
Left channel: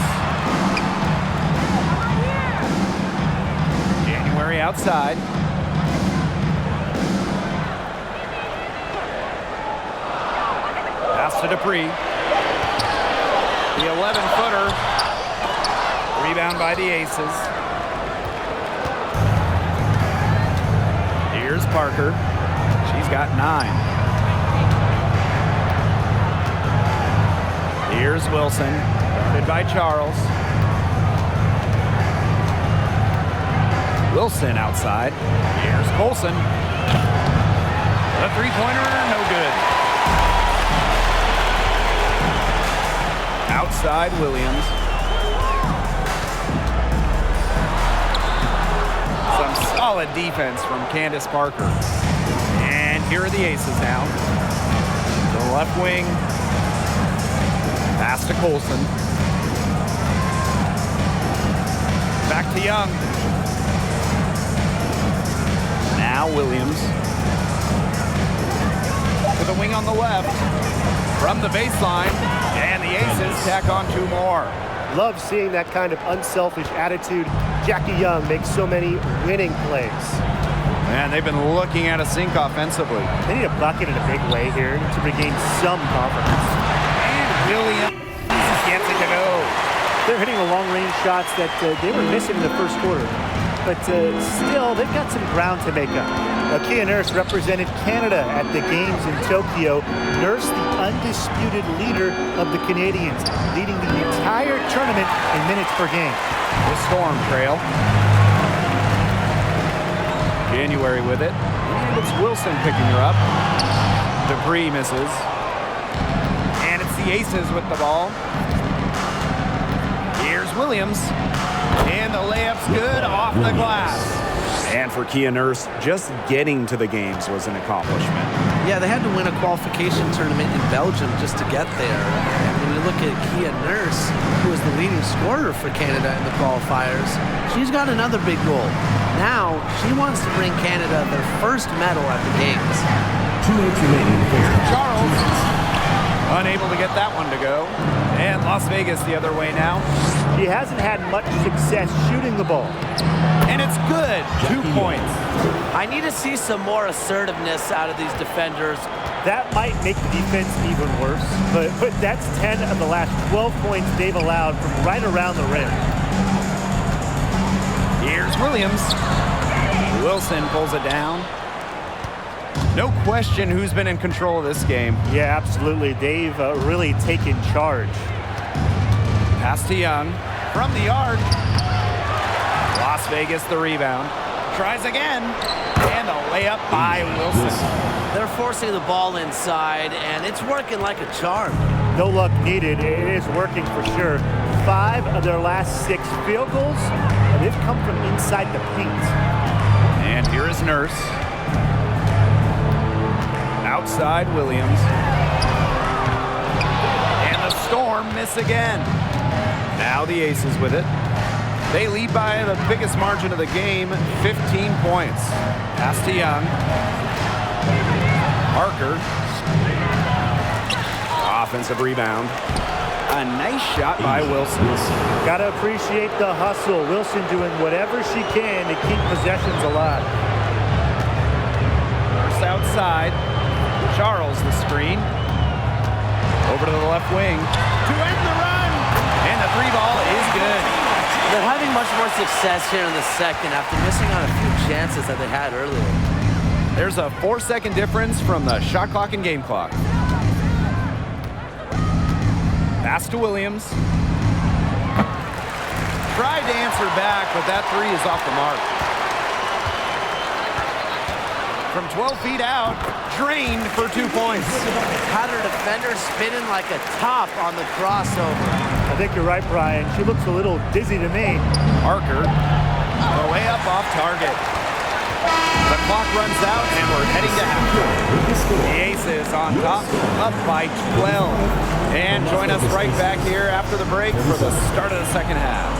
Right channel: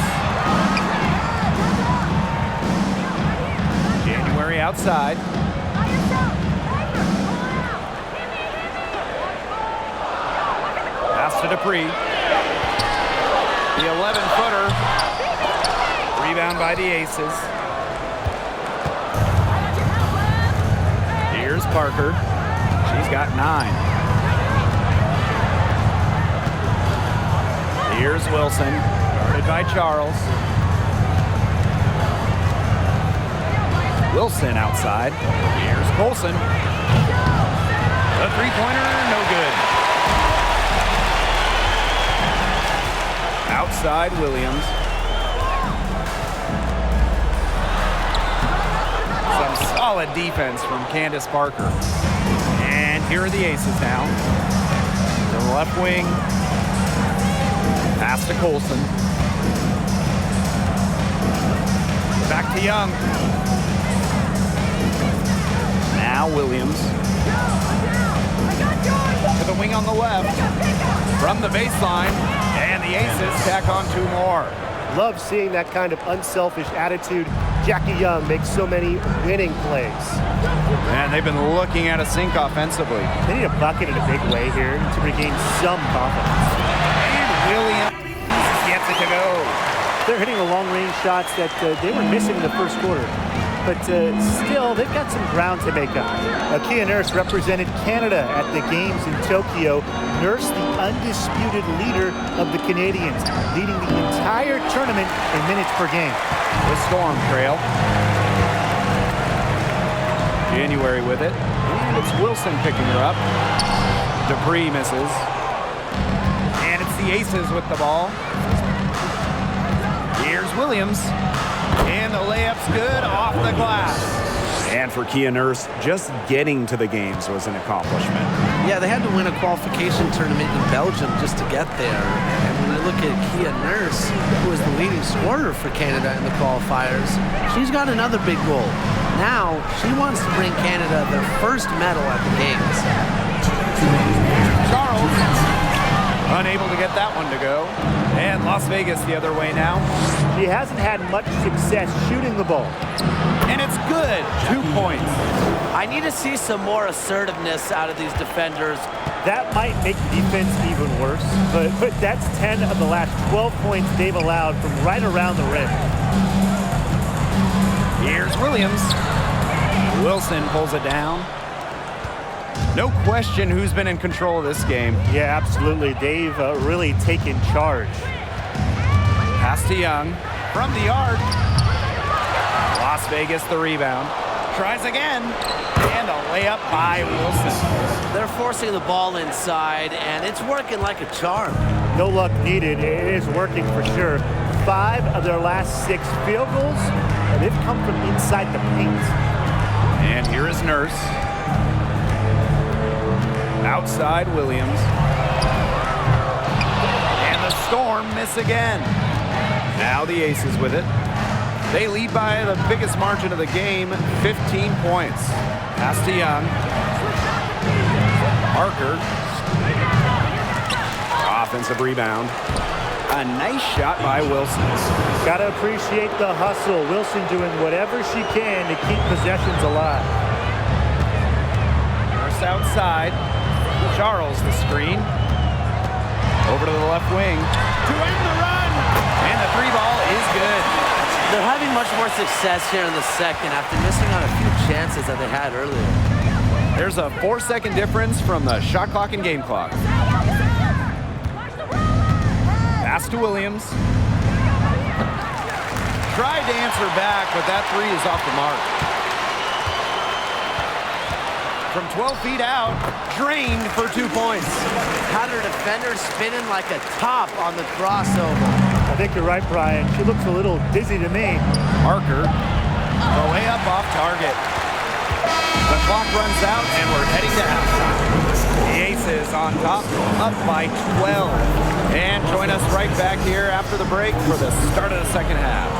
January outside. Pass to Dupree. The 11-footer. Rebound by the Aces. Here's Parker. She's got 9. Here's Wilson, guarded by Charles. Wilson outside. Here's Colson. The three-pointer, no good. Outside Williams. Some solid defense from Candace Parker. And here are the Aces now. To the left wing. Pass to Colson. Back to Young. Now Williams. To the wing on the left. From the baseline. And the Aces tack on 2 more. Love seeing that kind of unselfish attitude. Jackie Young makes so many winning plays. Man, they've been looking at a sink offensively. They need a bucket in a big way here to regain some confidence. And Williams gets it to go. They're hitting the long-range shots that they were missing in the first quarter. But still, they've got some ground to make up. Kia Nurse represented Canada at the games in Tokyo. Nurse, the undisputed leader of the Canadians, leading the entire tournament in minutes per game. The Storm trail. January with it. And it's Wilson picking her up. Dupree misses. And it's the Aces with the ball. Here's Williams. And the layup's good off the glass. And for Kia Nurse, just getting to the games was an accomplishment. Yeah, they had to win a qualification tournament in Belgium just to get there. And when you look at Kia Nurse, who is the leading scorer for Canada in the qualifiers, she's got another big goal. Now, she wants to bring Canada their first medal at the Games. Charles, unable to get that one to go. And Las Vegas the other way now. She hasn't had much success shooting the ball. And it's good. 2 points. I need to see some more assertiveness out of these defenders. That might make the defense even worse, but that's 10 of the last 12 points they've allowed from right around the rim. Here's Williams. Wilson pulls it down. No question who's been in control of this game. Yeah, absolutely. They've really taken charge. Pass to Young. From the arc. Las Vegas the rebound. Tries again. And a layup by Wilson. They're forcing the ball inside, and it's working like a charm. No luck needed. It is working for sure. 5 of their last 6 field goals, they've come from inside the paint. And here is Nurse. Outside Williams. And the Storm miss again. Now the Aces with it. They lead by the biggest margin of the game, 15 points. Pass to Young. Parker. Offensive rebound. A nice shot by Wilson. Gotta appreciate the hustle. Wilson doing whatever she can to keep possessions alive. Nurse outside. Charles the screen. Over to the left wing. To end the run. And the 3 ball is good. They're having much more success here in the second after missing on a few chances that they had earlier. There's a 4-second difference from the shot clock and game clock. Pass to Williams. Tried to answer back, but that 3 is off the mark. From 12 feet out, drained for 2 points. Had her defender spinning like a top on the crossover. I think you're right, Brian. She looks a little dizzy to me. Parker, the way up off target. The clock runs out, and we're heading to halftime. The Aces on top, up by 12. And join us right back here after the break for the start of the second half.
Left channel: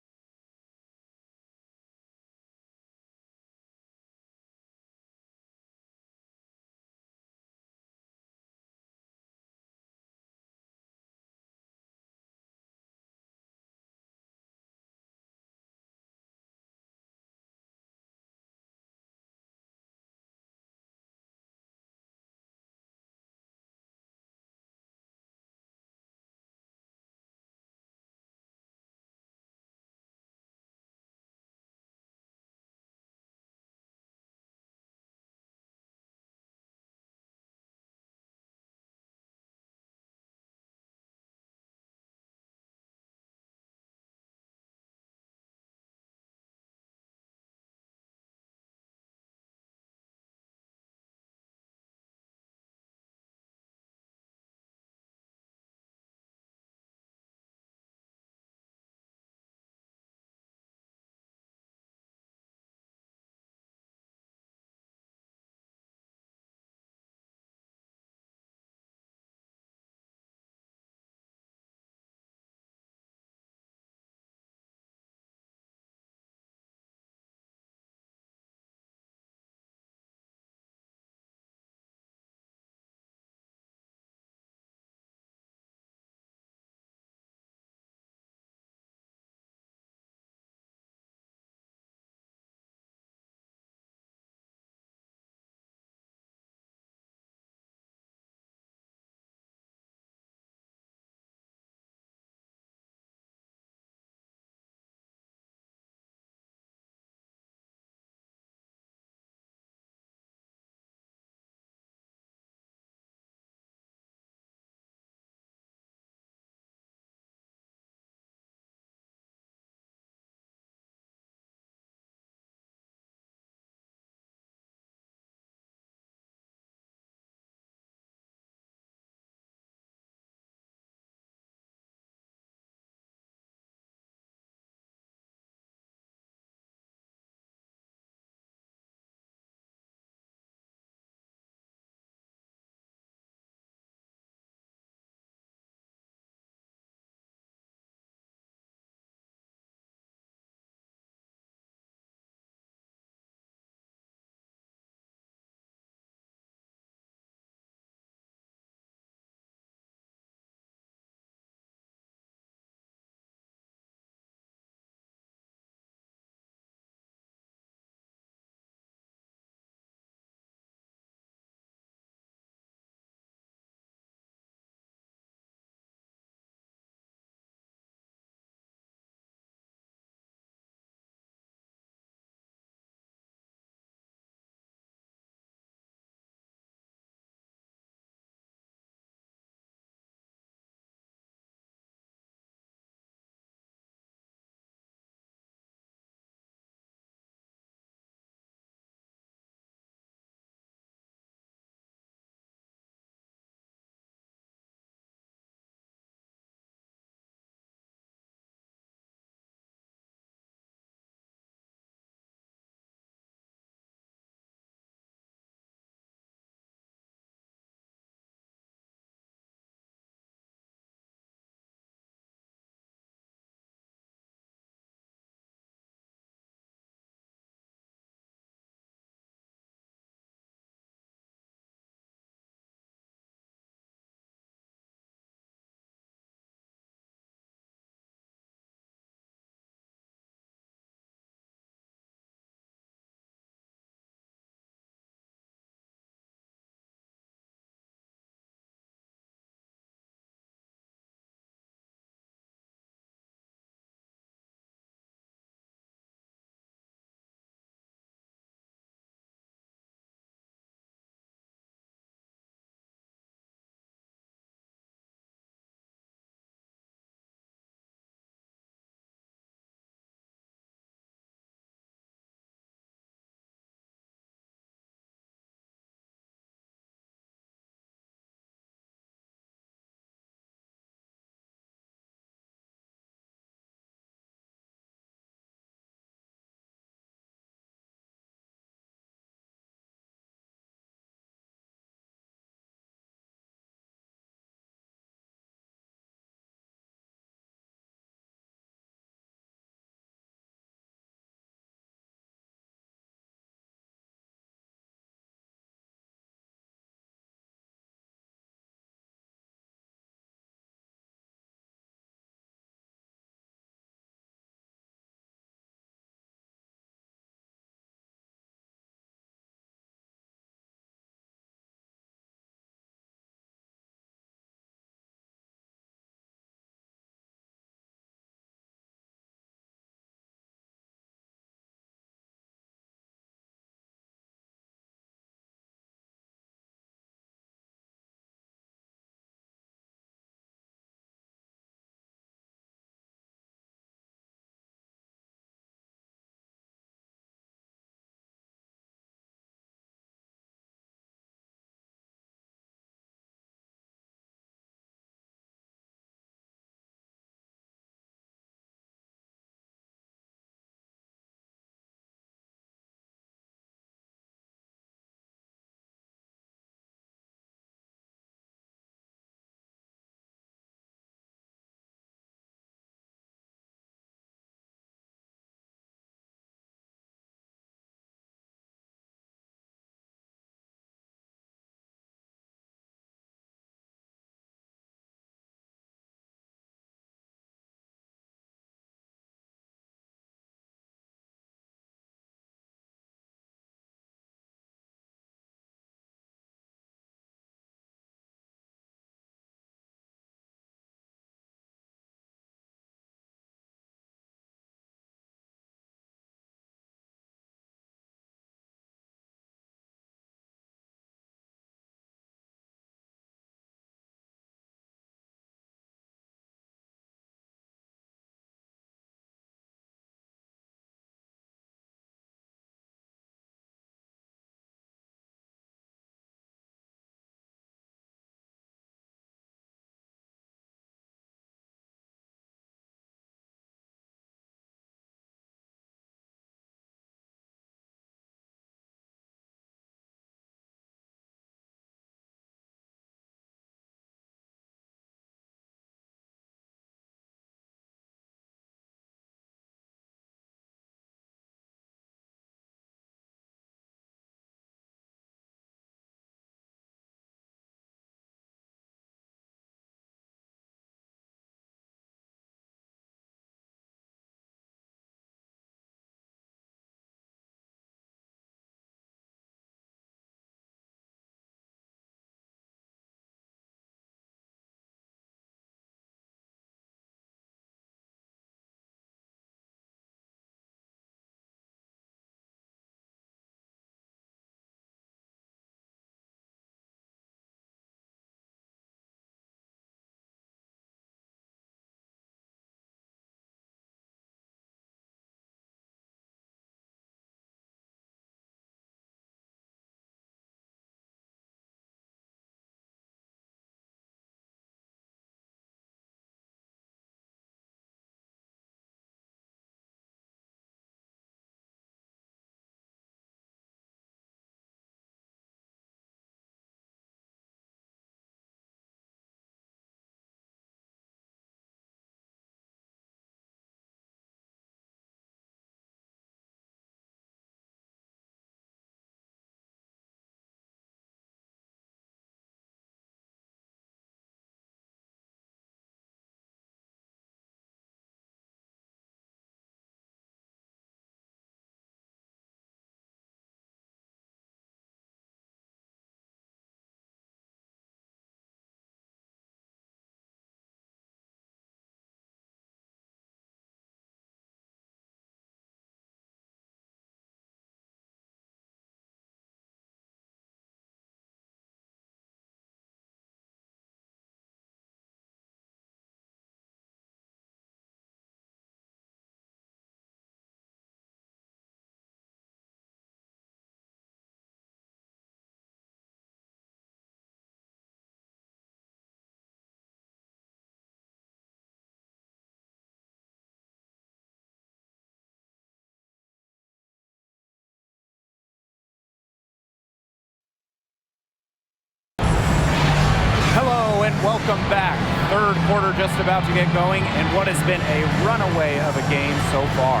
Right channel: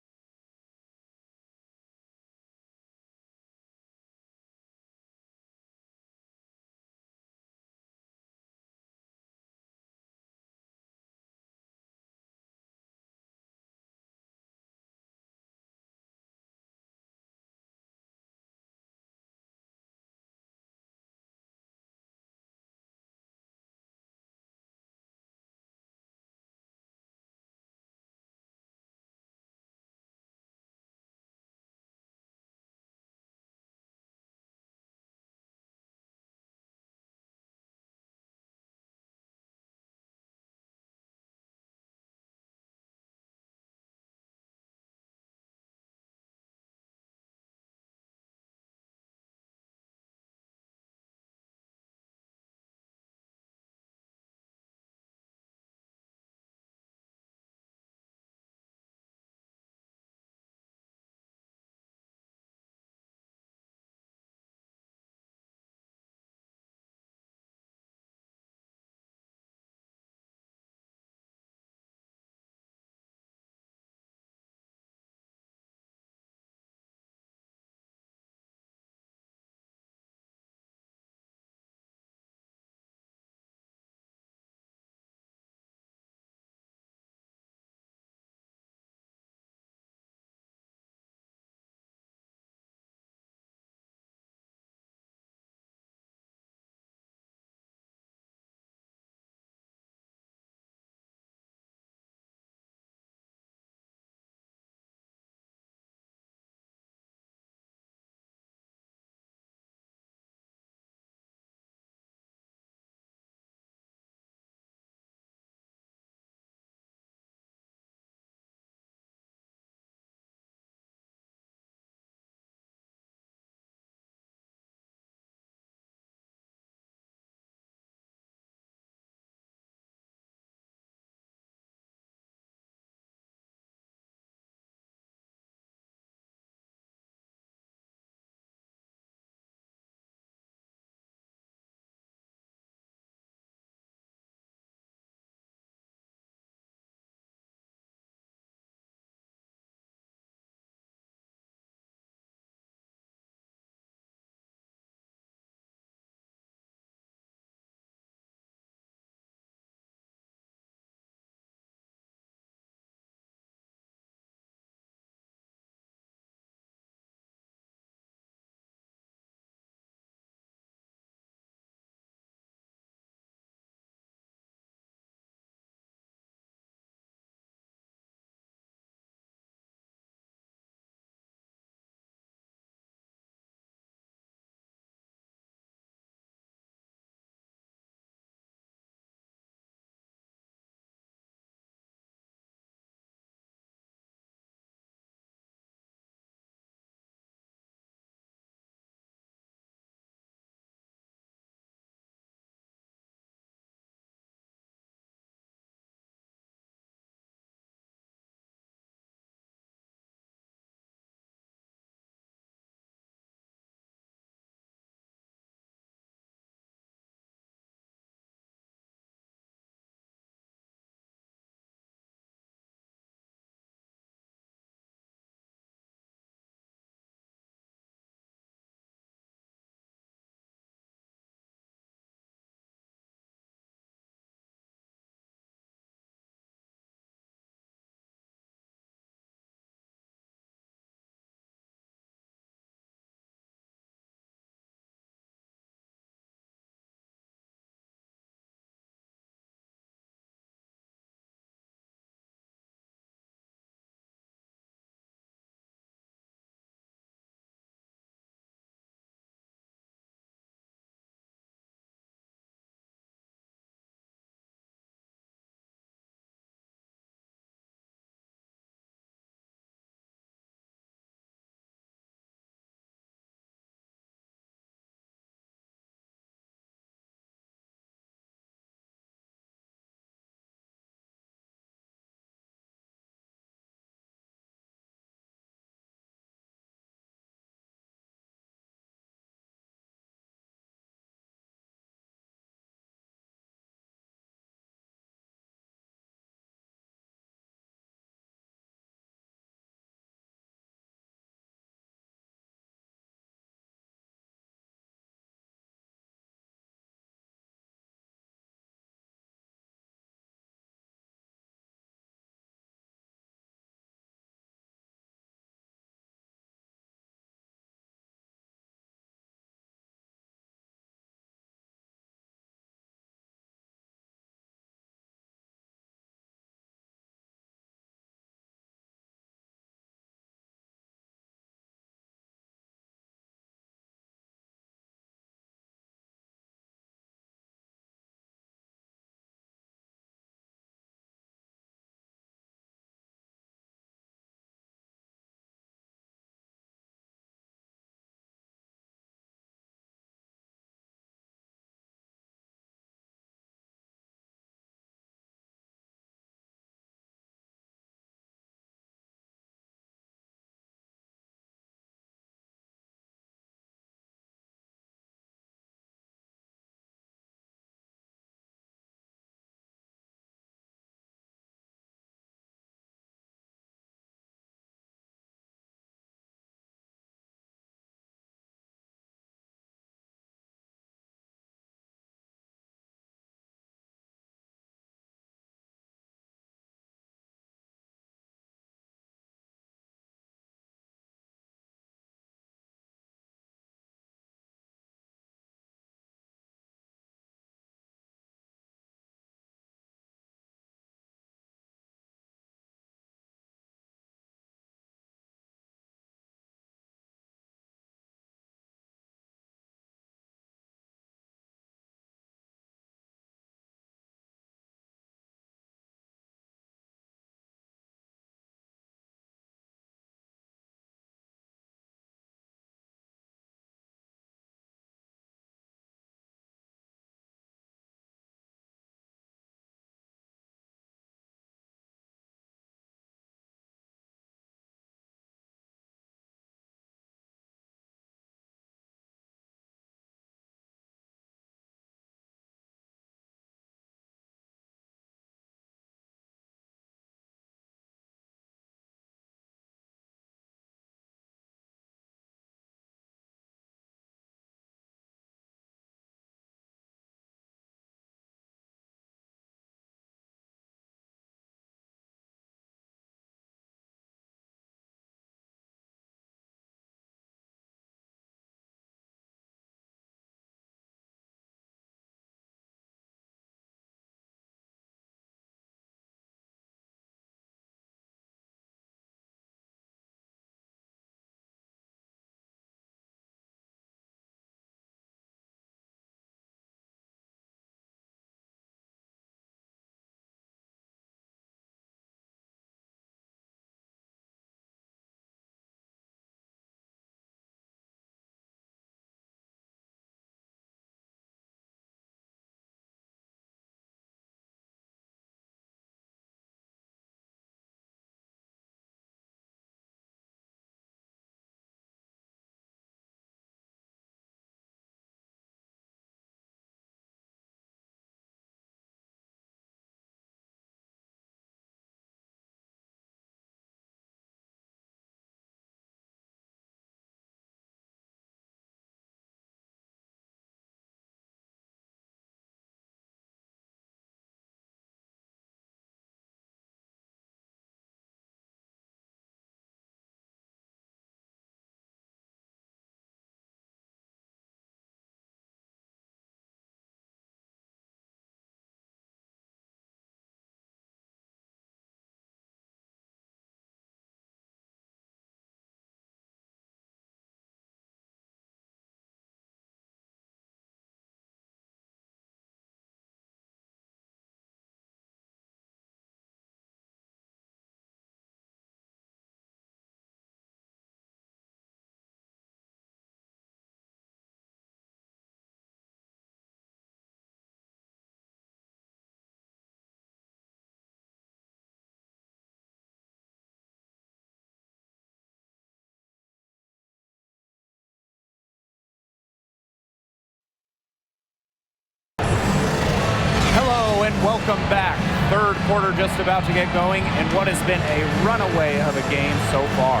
welcome back. Third quarter just about to get going, and what has been a runaway of a game so far.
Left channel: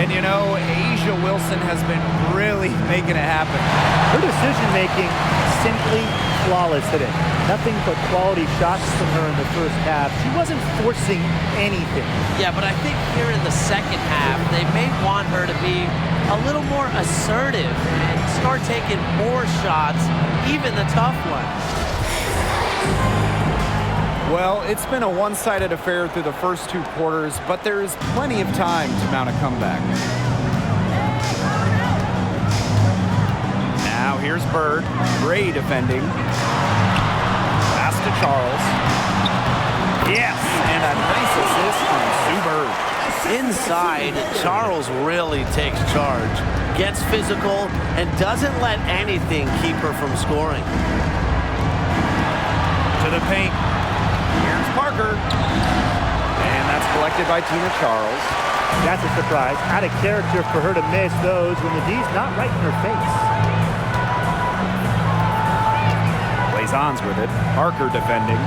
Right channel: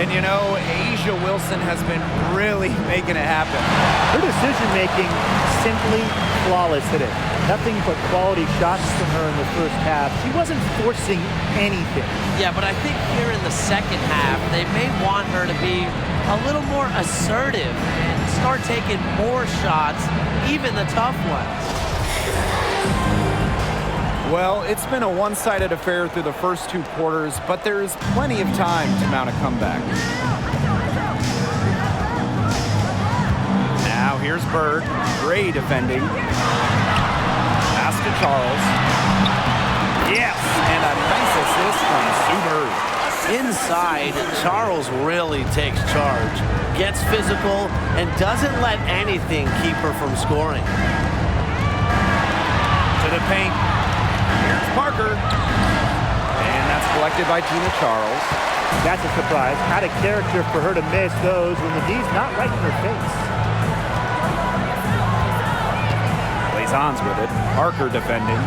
And you know, A'ja Wilson has been really making it happen. Her decision-making simply flawless today. Nothing but quality shots from her in the first half. She wasn't forcing anything. Yeah, but I think here in the second half, they may want her to be a little more assertive and start taking more shots, even the tough ones. Well, it's been a one-sided affair through the first two quarters, but there is plenty of time to mount a comeback. Now here's Bird. Gray defending. Pass to Charles. Yes, and a nice assist from Sue Bird. Inside, Charles really takes charge, gets physical, and doesn't let anything keep her from scoring. To the paint. Here's Parker. And that's collected by Tina Charles. That's a surprise. Out of character for her to miss those when the D's not right in her face. Blazon's with it. Parker defending.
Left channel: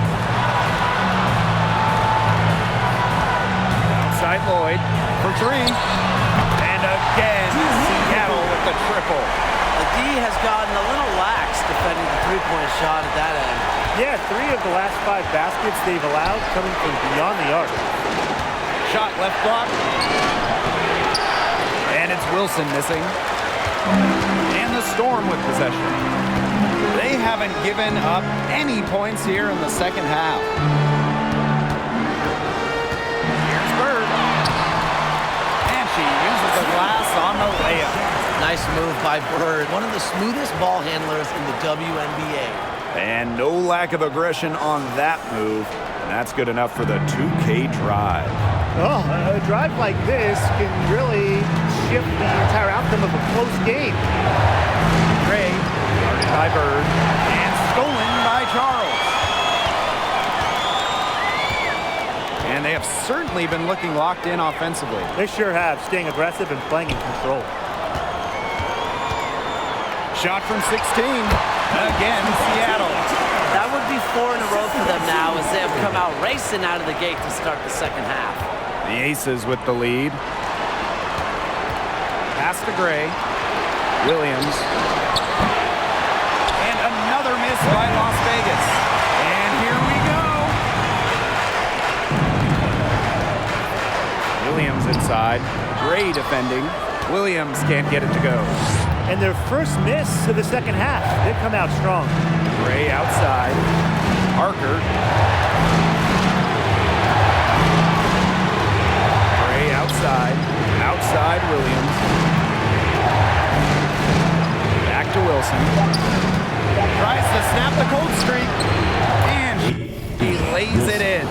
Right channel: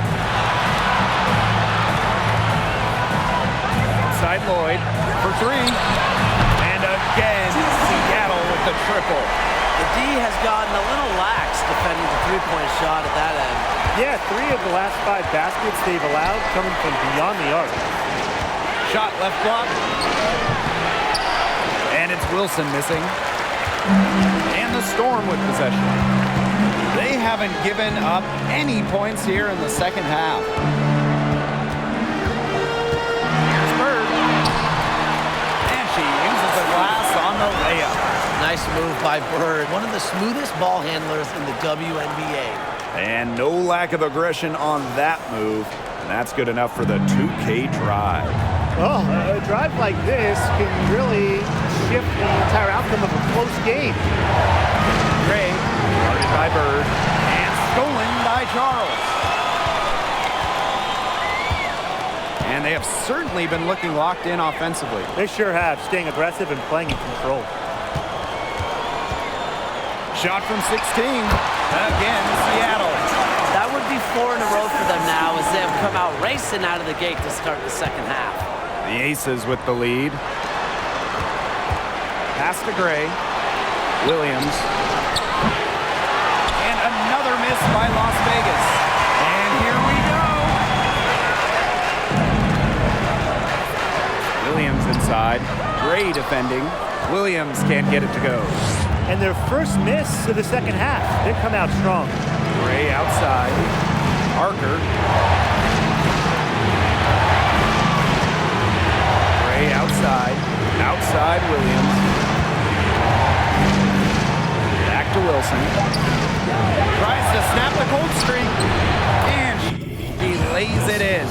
Outside Lloyd for three. And again, Seattle with the triple. The D has gotten a little lax defending the three-point shot at that end. Yeah, 3 of the last 5 baskets they've allowed coming from beyond the arc. Shot left block. And it's Wilson missing. And the Storm with possession. They haven't given up any points here in the second half. Here's Bird. And she uses the glass on the layup. Nice move by Bird, one of the smoothest ball handlers in the WNBA. And no lack of aggression on that move. And that's good enough for the 2K drive. Oh, a drive like this can really shift the entire outcome of a close game. Gray, guarded by Bird, and stolen by Charles. And they have certainly been looking locked in offensively. They sure have, staying aggressive and playing in control. Shot from 16. Again, Seattle. That would be 4 in a row for them now as they have come out racing out of the gate to start the second half. The Aces with the lead. Pass to Gray. Williams. And another miss by Las Vegas. And here we go. Williams inside. Gray defending. Williams can't get it to go. And their first miss of the second half. They come out strong. Gray outside. Parker. Gray outside. Outside Williams. Back to Wilson. Tries to snap the cold streak. And he lays it in.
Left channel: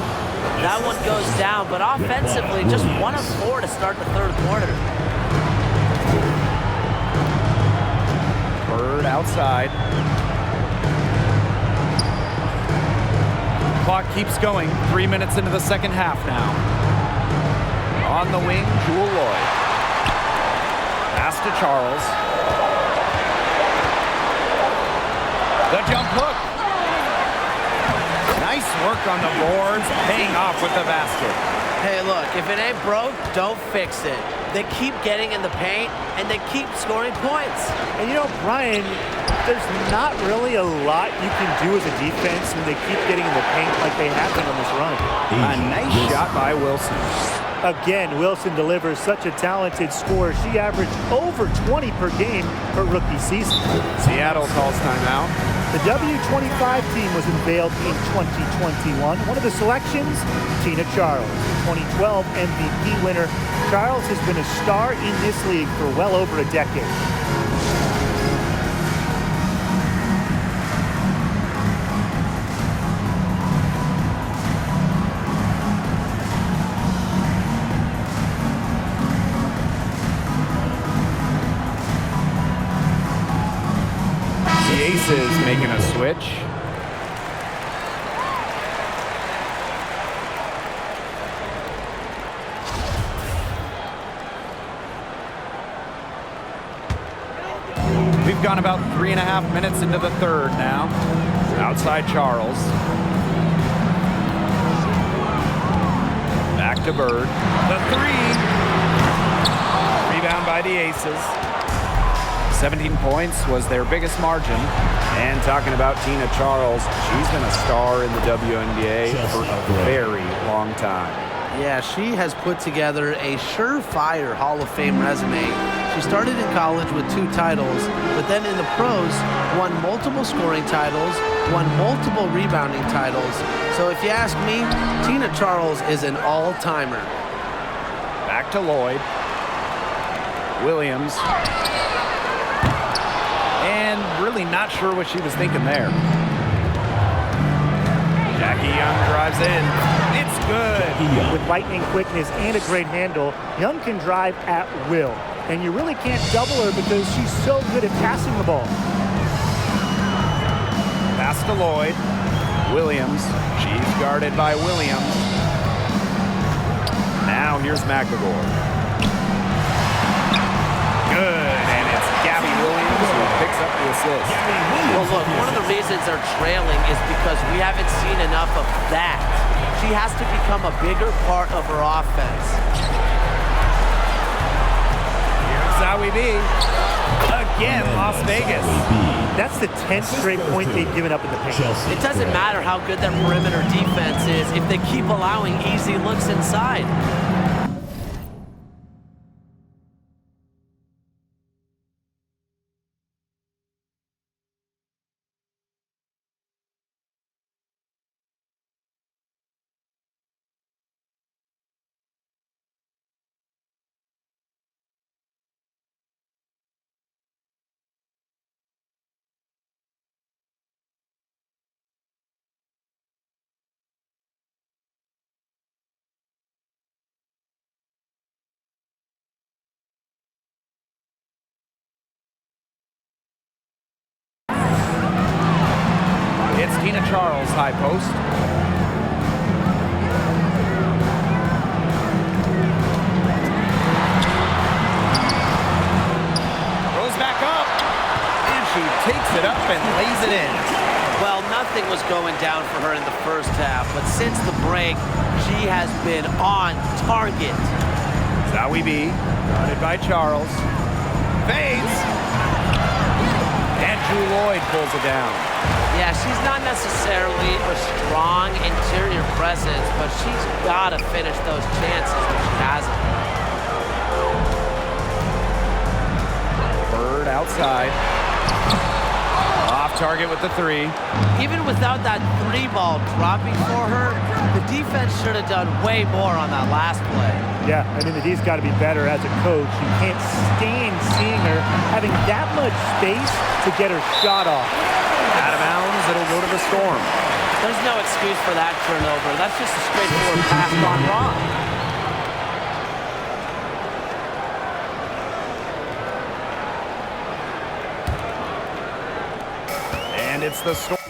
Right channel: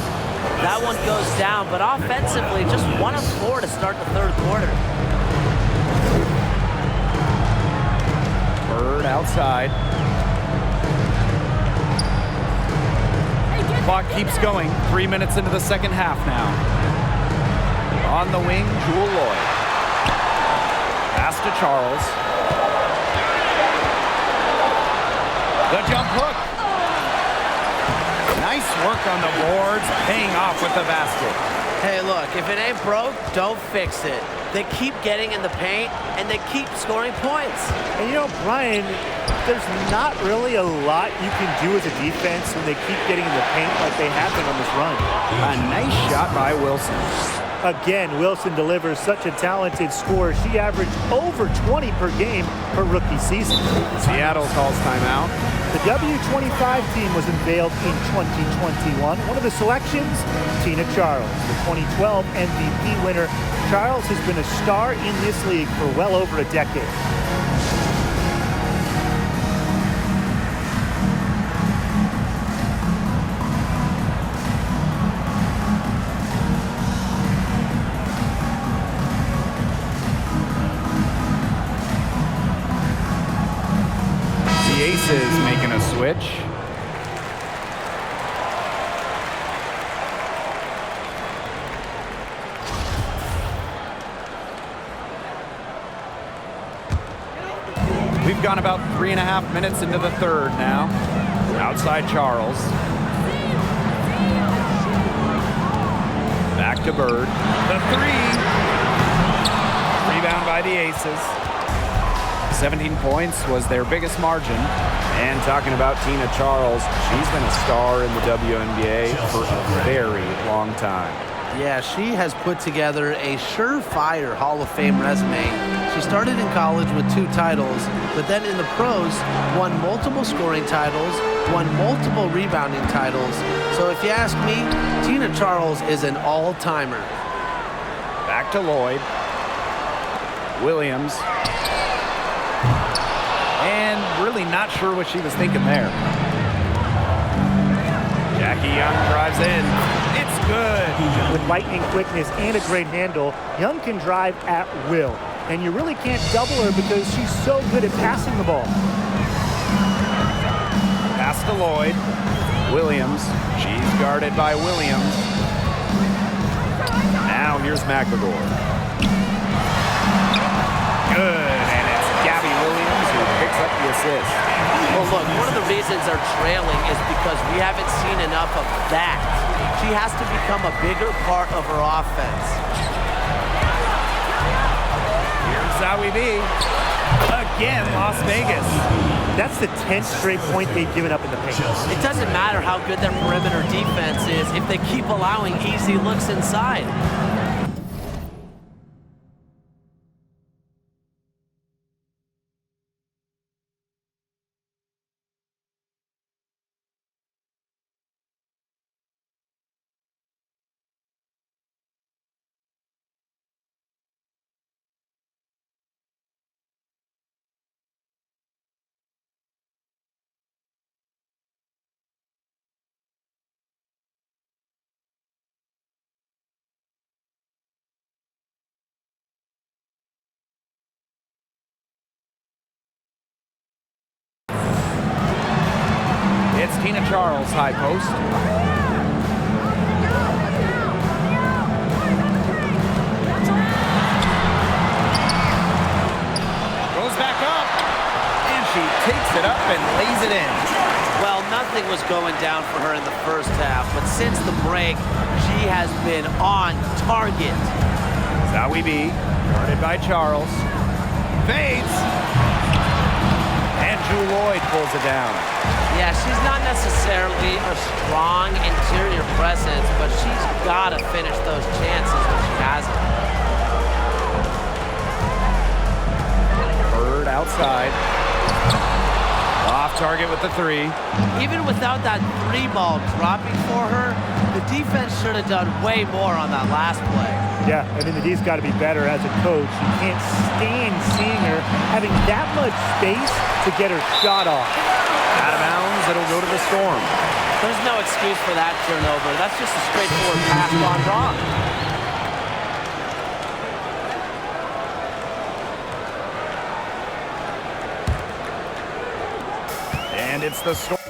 That one goes down, but offensively, just 1 of 4 to start the third quarter. Bird outside. Clock keeps going. 3 minutes into the second half now. On the wing, Jewel Lloyd. Pass to Charles. The jump hook. Nice work on the boards, paying off with the basket. Hey, look, if it ain't broke, don't fix it. They keep getting in the paint, and they keep scoring points. And you know, Brian, there's not really a lot you can do as a defense when they keep getting in the paint like they have been on this run. A nice shot by Wilson. Again, Wilson delivers such a talented scorer. She averaged over 20 per game her rookie season. Seattle calls timeout. The W25 team was unveiled in 2021. One of the selections, Tina Charles, the 2012 MVP winner. Charles has been a star in this league for well over a decade. The Aces making a switch. We've gone about 3.5 minutes into the third now. Outside Charles. to Bird. The three. Rebound by the Aces. 17 points was their biggest margin. And talking about Tina Charles, she's been a star in the WNBA for a very long time. Yeah, she has put together a surefire Hall of Fame resume. She started in college with 2 titles, but then in the pros, won multiple scoring titles, won multiple rebounding titles. So if you ask me, Tina Charles is an all-timer. Back to Lloyd. Williams. And really not sure what she was thinking there. Jackie Young drives in. It's good. With lightning quickness and a great handle, Young can drive at will. And you really can't double her because she's so good at passing the ball. Pass to Lloyd. Williams. She's guarded by Williams. Now here's McLegore. Good, and it's Gabby Williams who picks up the assist. Well, look, one of the reasons they're trailing is because we haven't seen enough of that. She has to become a bigger part of her offense. Here's Zowie B. Again, Las Vegas. That's the 10th straight point they've given up in the paint. It doesn't matter how good their perimeter defense is if they keep allowing easy looks inside. It's Tina Charles, high post. Goes back up, and she takes it up and lays it in. Well, nothing was going down for her in the first half, but since the break, she has been on target. Zowie B, guarded by Charles. Fades. And Drew Lloyd pulls it down. Yeah, she's not necessarily a strong interior presence, but she's got to finish those chances when she has them. Bird outside. Off target with the three. Even without that 3-ball dropping for her, the defense should have done way more on that last play. Yeah, I mean, the D's got to be better as a coach. You can't stand seeing her having that much space to get her shot off. Out of bounds, it'll go to the Storm. There's no excuse for that turnover. That's just a straightforward pass gone wrong. And it's the Storm.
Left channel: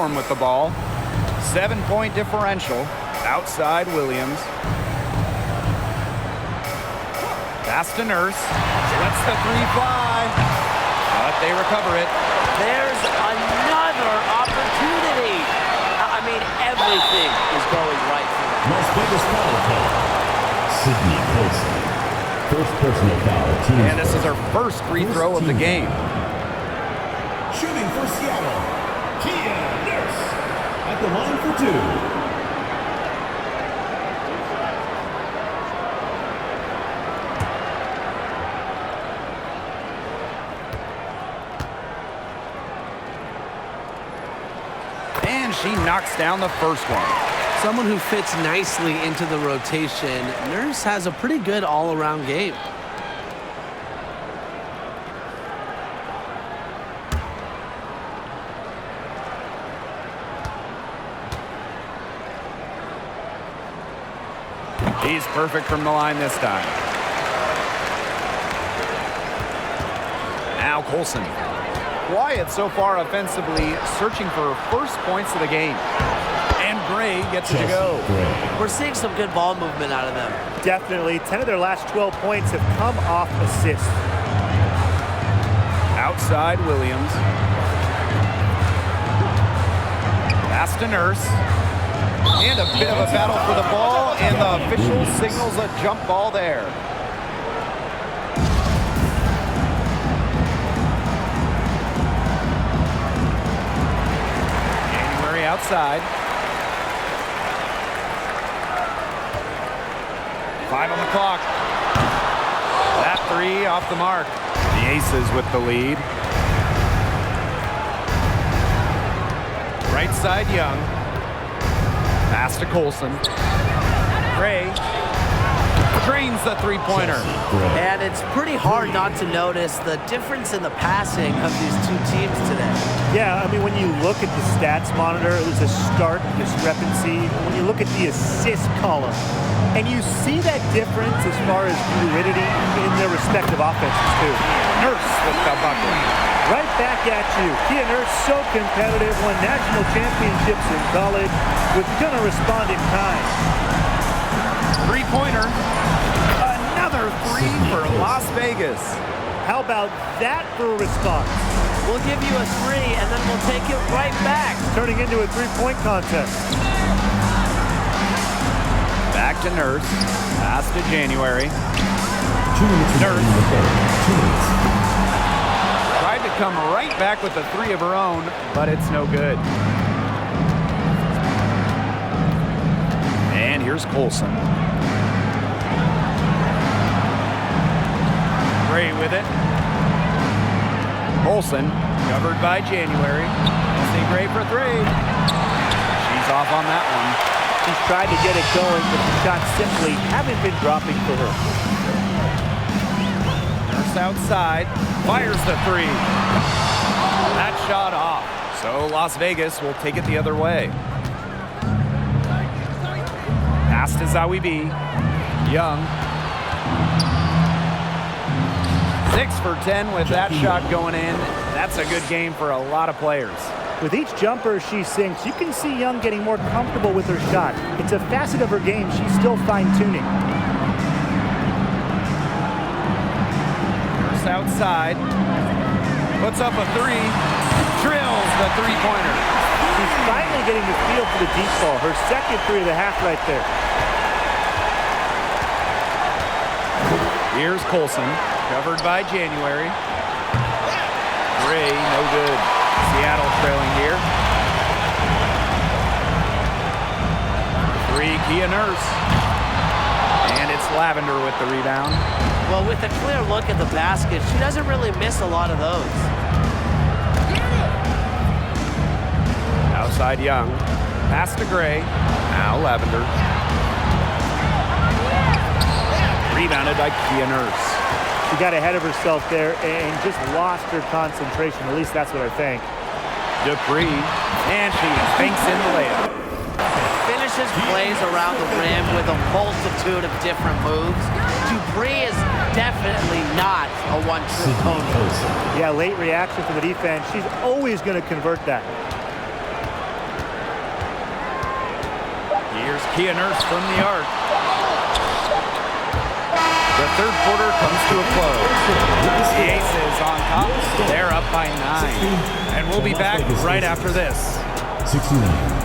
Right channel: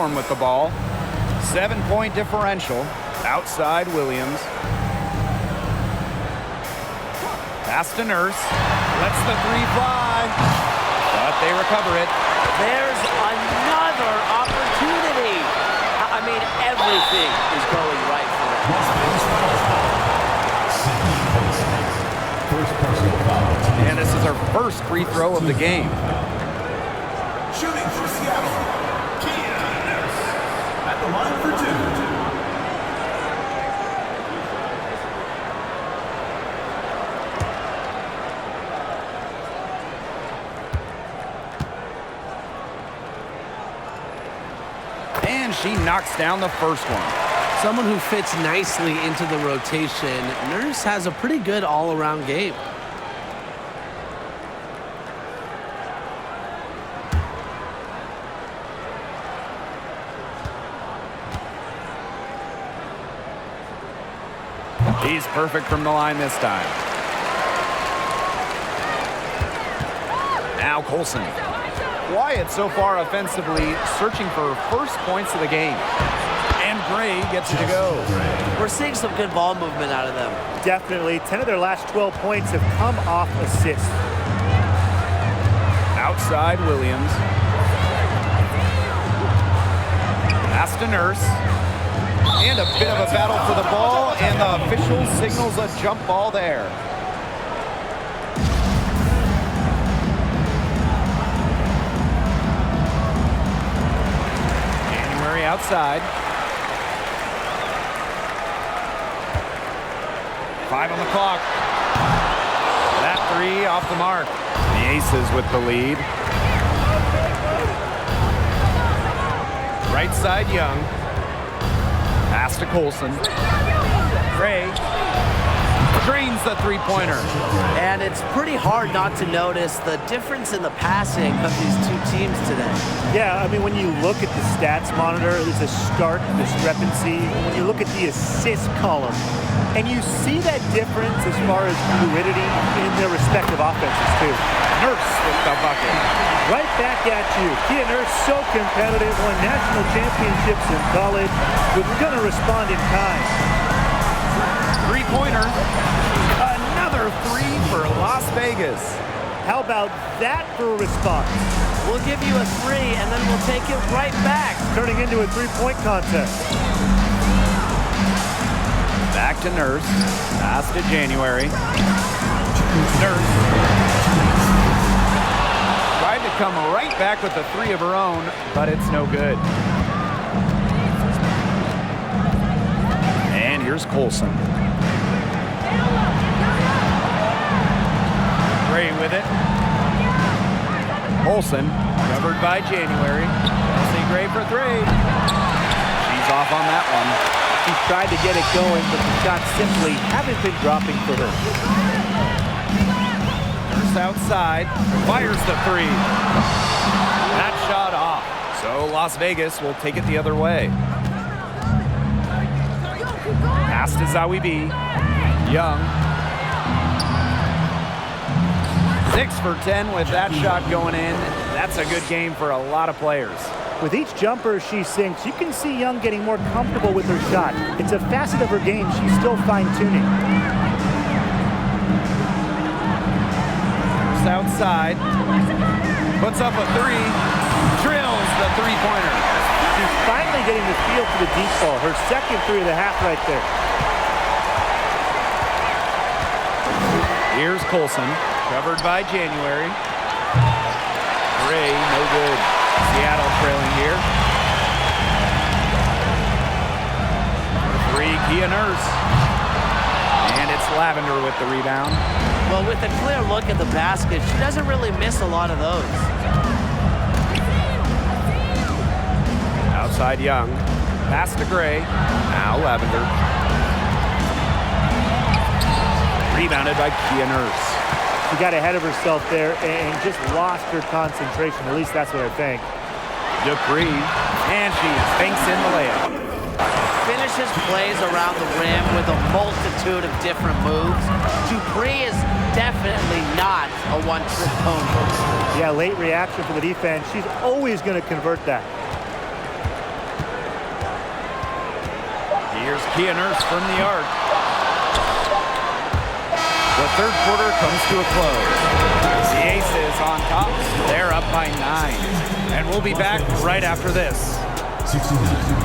Storm with the ball. 7-point differential. Outside Williams. Pass to Nurse. Lets the three fly. But they recover it. There's another opportunity. I mean, everything is going right for them. Las Vegas foul call. Sydney Colson. First personal foul. Team And this is our first free throw of the game. Shooting for Seattle, Kia Nurse. At the line for 2. And she knocks down the first one. Someone who fits nicely into the rotation. Nurse has a pretty good all-around game. He's perfect from the line this time. Now Colson. Wyatt so far offensively searching for first points of the game. And Gray gets it to go. We're seeing some good ball movement out of them. Definitely. 10 of their last 12 points have come off assists. Outside Williams. Pass to Nurse. And a bit of a battle for the ball, and the official signals a jump ball there. January outside. 5 on the clock. That three off the mark. The Aces with the lead. Right side Young. Pass to Colson. Gray drains the three-pointer. And it's pretty hard not to notice the difference in the passing of these two teams today. Yeah, I mean, when you look at the stats monitor, there's a stark discrepancy. When you look at the assist column, and you see that difference as far as fluidity in their respective offenses, too. Nurse with the bucket. Right back at you. Kia Nurse, so competitive, won national championships in college, was going to respond in kind. Three-pointer. Another three for Las Vegas. How about that for a response? We'll give you a three, and then we'll take it right back. Turning into a three-point contest. Back to Nurse. Pass to January. Nurse. Tried to come right back with the three of her own, but it's no good. And here's Colson. Gray with it. Colson covered by January. Chelsea Gray for three. She's off on that one. She's tried to get it going, but the shots simply haven't been dropping for her. Nurse outside, fires the three. That shot off. So Las Vegas will take it the other way. Pass to Zawi B. Young. 6 for 10 with that shot going in. That's a good game for a lot of players. With each jumper she sinks, you can see Young getting more comfortable with her shot. It's a facet of her game she's still fine-tuning. Nurse outside. Puts up a three. Drills the three-pointer. She's finally getting the feel for the deep ball. Her second three of the half right there. Here's Colson, covered by January. Gray, no good. Seattle trailing here. Three, Kia Nurse. And it's Lavender with the rebound. Well, with a clear look at the basket, she doesn't really miss a lot of those. Outside Young. Pass to Gray. Now Lavender. Rebounded by Kia Nurse. She got ahead of herself there and just lost her concentration. At least that's what I think. Dupree. And she banks in the layup. Finishes plays around the rim with a multitude of different moves. Dupree is definitely not a one-trick pony. Yeah, late reaction for the defense. She's always going to convert that. Here's Kia Nurse from the arc. The third quarter comes to a close. The Aces on top. They're up by 9. And we'll be back right after this. 69.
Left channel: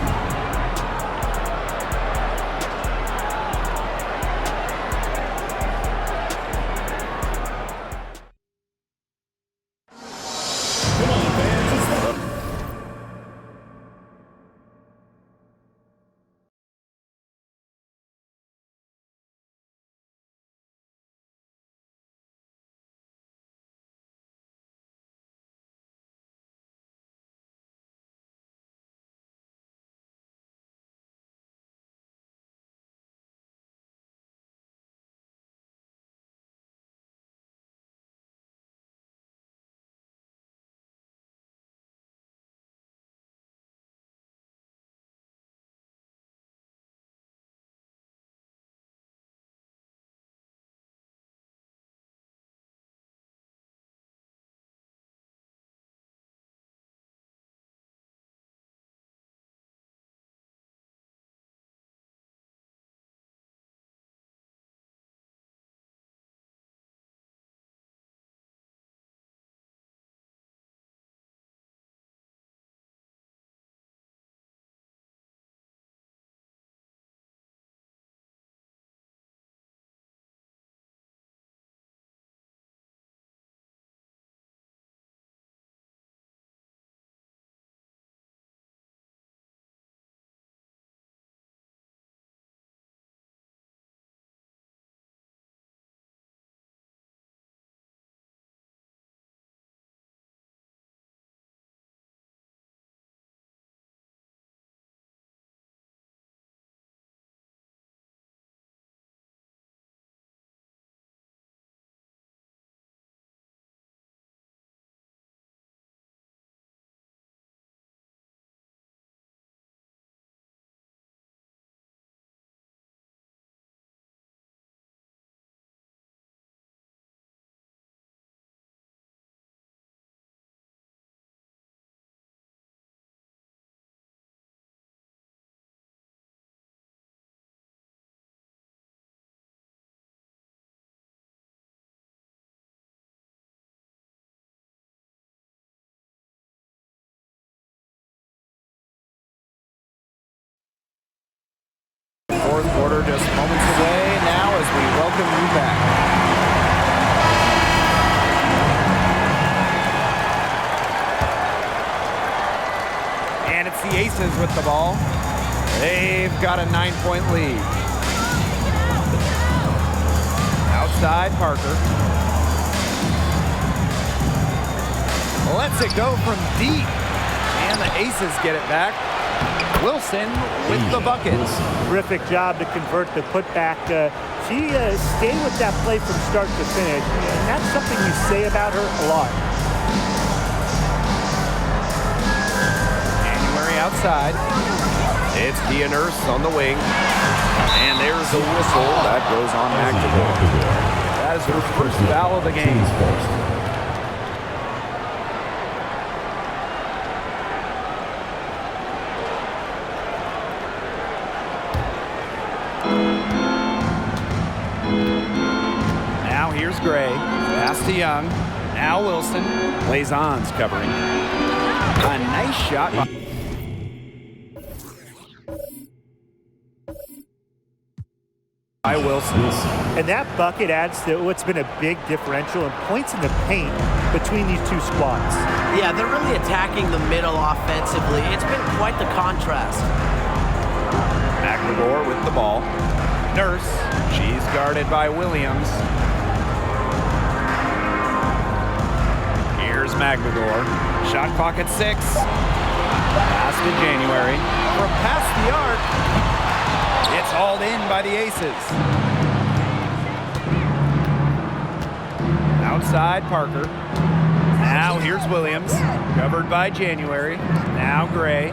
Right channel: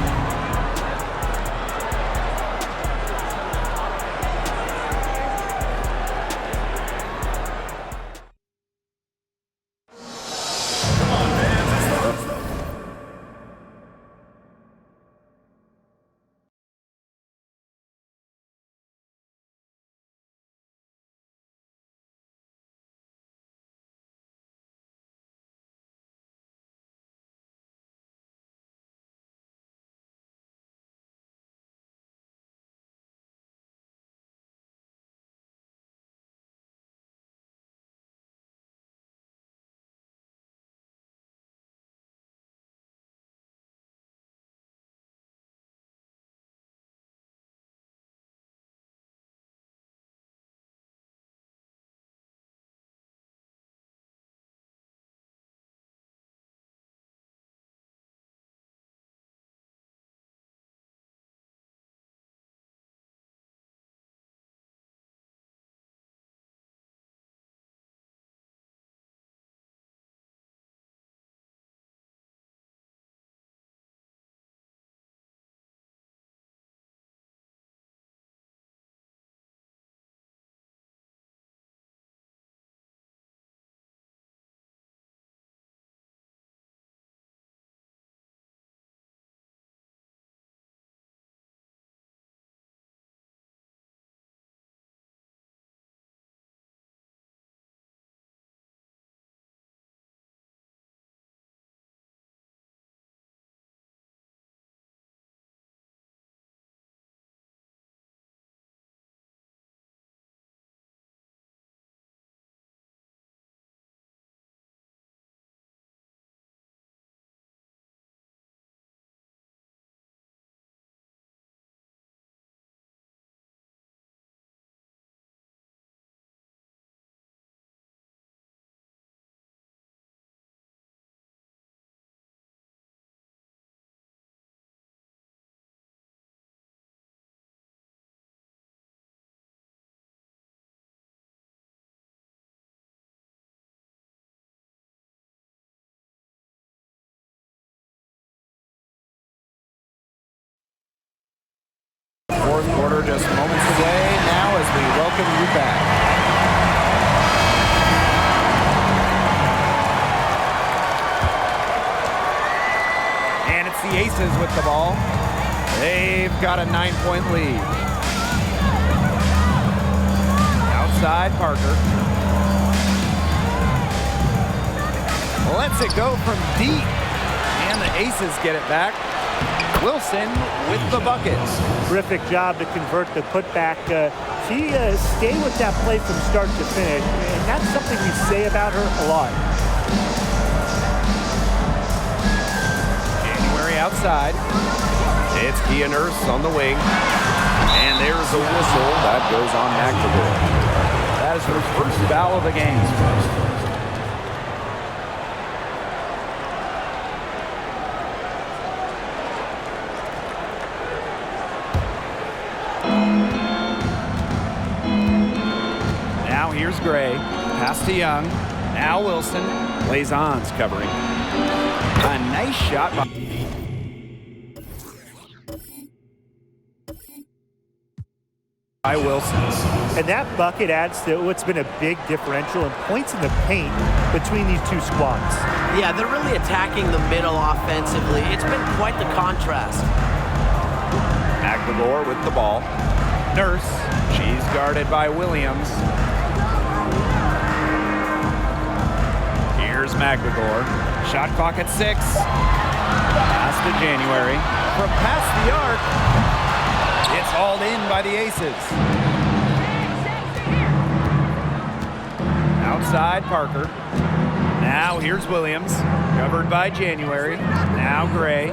Fourth quarter just moments away now as we welcome you back. And it's the Aces with the ball. They've got a 9-point lead. Outside, Parker. Lets it go from deep. And the Aces get it back. Wilson with the buckets. Terrific job to convert the putback. She stayed with that play from start to finish, and that's something we say about her a lot. January outside. It's Kia Nurse on the wing. And there's a whistle. That goes on McNamara. That is her first foul of the game. Now here's Gray. Pass to Young. Now Wilson. Lazon's covering. A nice shot by Wilson. And that bucket adds to what's been a big differential in points in the paint between these two squads. Yeah, they're really attacking the middle offensively. It's been quite the contrast. McNamara with the ball. Nurse. She's guarded by Williams. Here's McNamara. Shot clock at 6. Pass to January. From past the arc. It's hauled in by the Aces. Outside, Parker. Now here's Williams. Covered by January. Now Gray.